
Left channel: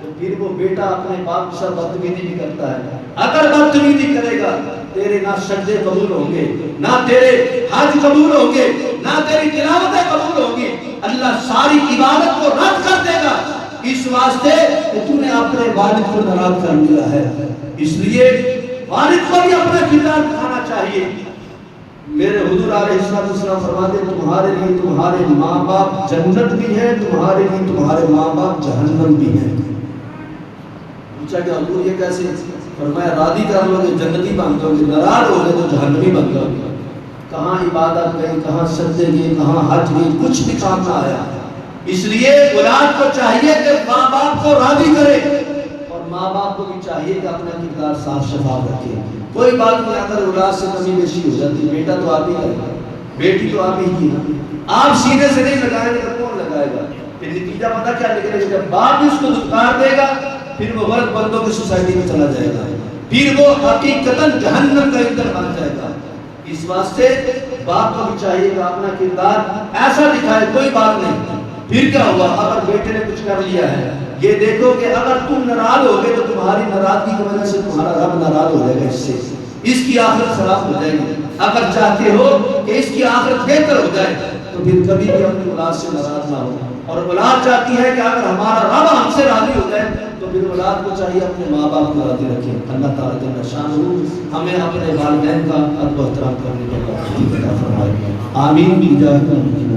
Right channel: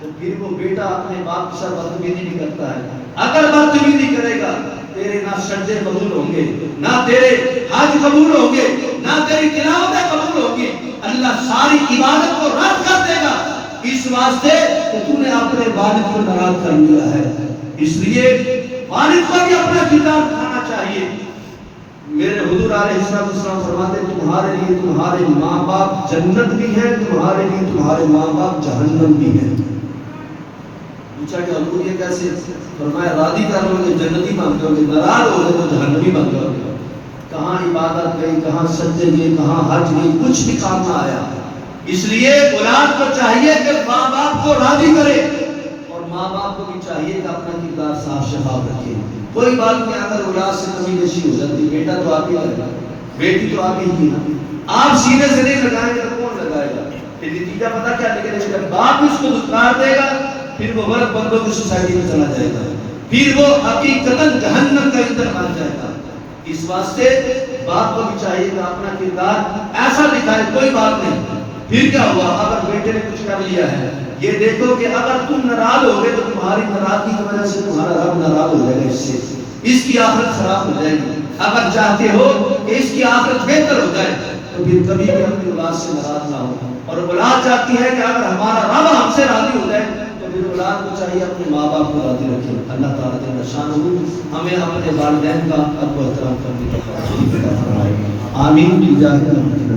تو پھر وہ بیٹا اپنے باپ کے ساتھ بدتمیزی بھی کرتا ہے۔ اگر بدتمیزی کرے گا تیرے نہ سجدے قبول ہوں گے، نہ تیرے حج قبول ہوں گے، نہ تیری تلاوتیں قبول ہوں گی، اللہ ساری عبادت کو رد کر دے گا، اس واسطے کہ تو نے اپنے والد کو ناراض کر لیا ہے۔ اس لیے والد کو بھی اپنا کردار دکھانا چاہیے۔ میرے حضور علیہ السلام فرماتے تمہارے لیے تمہارے ماں باپ جنت بھی ہے، تمہارے لیے تمہارے ماں باپ جہنم بھی ہے۔ پوچھا کہ حضور یہ کیسے؟ فرمایا راضی کر لو گے جنتی بن جاؤ گے، ناراض ہو گئے تو جہنمی بن جاؤ گے۔ کہاں عبادت گئی، کہاں سجدے گئے، کہاں حج گئی، کچھ بھی کام نہ آیا۔ اس لیے اولاد کو چاہیے کہ ماں باپ کو راضی کرے، اور ماں باپ کو بھی چاہیے کہ اپنا کردار صاف شفاف رکھے۔ کوئی بات نہیں، اگر اولاد سے کمی بیشی ہو جاتی، بیٹا تو آپ ہی آئے گا، بیٹی تو آپ ہی کی نا، آپ سینے سے نہیں لگائیں گے تو کون لگائے گا؟ پھر نتیجہ پتہ کیا نکلے گا؟ جب باپ بھی اس کو دھتکار دے گا پھر وہ غلط بندوں کی سوسائٹی میں چلا جائے گا، پھر وہ حقیقتاً جہنم کا ایندھن بن جائے گا۔ اس واسطے باپ کو بھی چاہیے کہ اپنا کردار ایسا دکھائے۔ کوئی بات نہیں، پھر کیا ہوا اگر بیٹے نے کچھ کر لیا ہے، یہ دیکھو کہ اگر تم ناراض ہو گئے تو تمہاری ناراضگی کی وجہ سے تمہارا رب ناراض ہو جائے گا، اس سے اس کی آخرت خراب ہو جائے گی۔ اگر چاہتے ہو کہ اس کی آخرت بہتر ہو جائے تو پھر کبھی بھی اپنی اولاد سے ناراض نہ ہو، اور اولاد چاہتی ہے کہ اگر ہمارا رب ہم سے راضی ہو جائے تو پھر اولاد کو چاہیے اپنے ماں باپ کو راضی رکھے۔ اللہ تعالیٰ جل شانہ ہمیں اپنے والدین کا ادب و احترام کرنے کا توفیق عطا فرمائے۔ آمین۔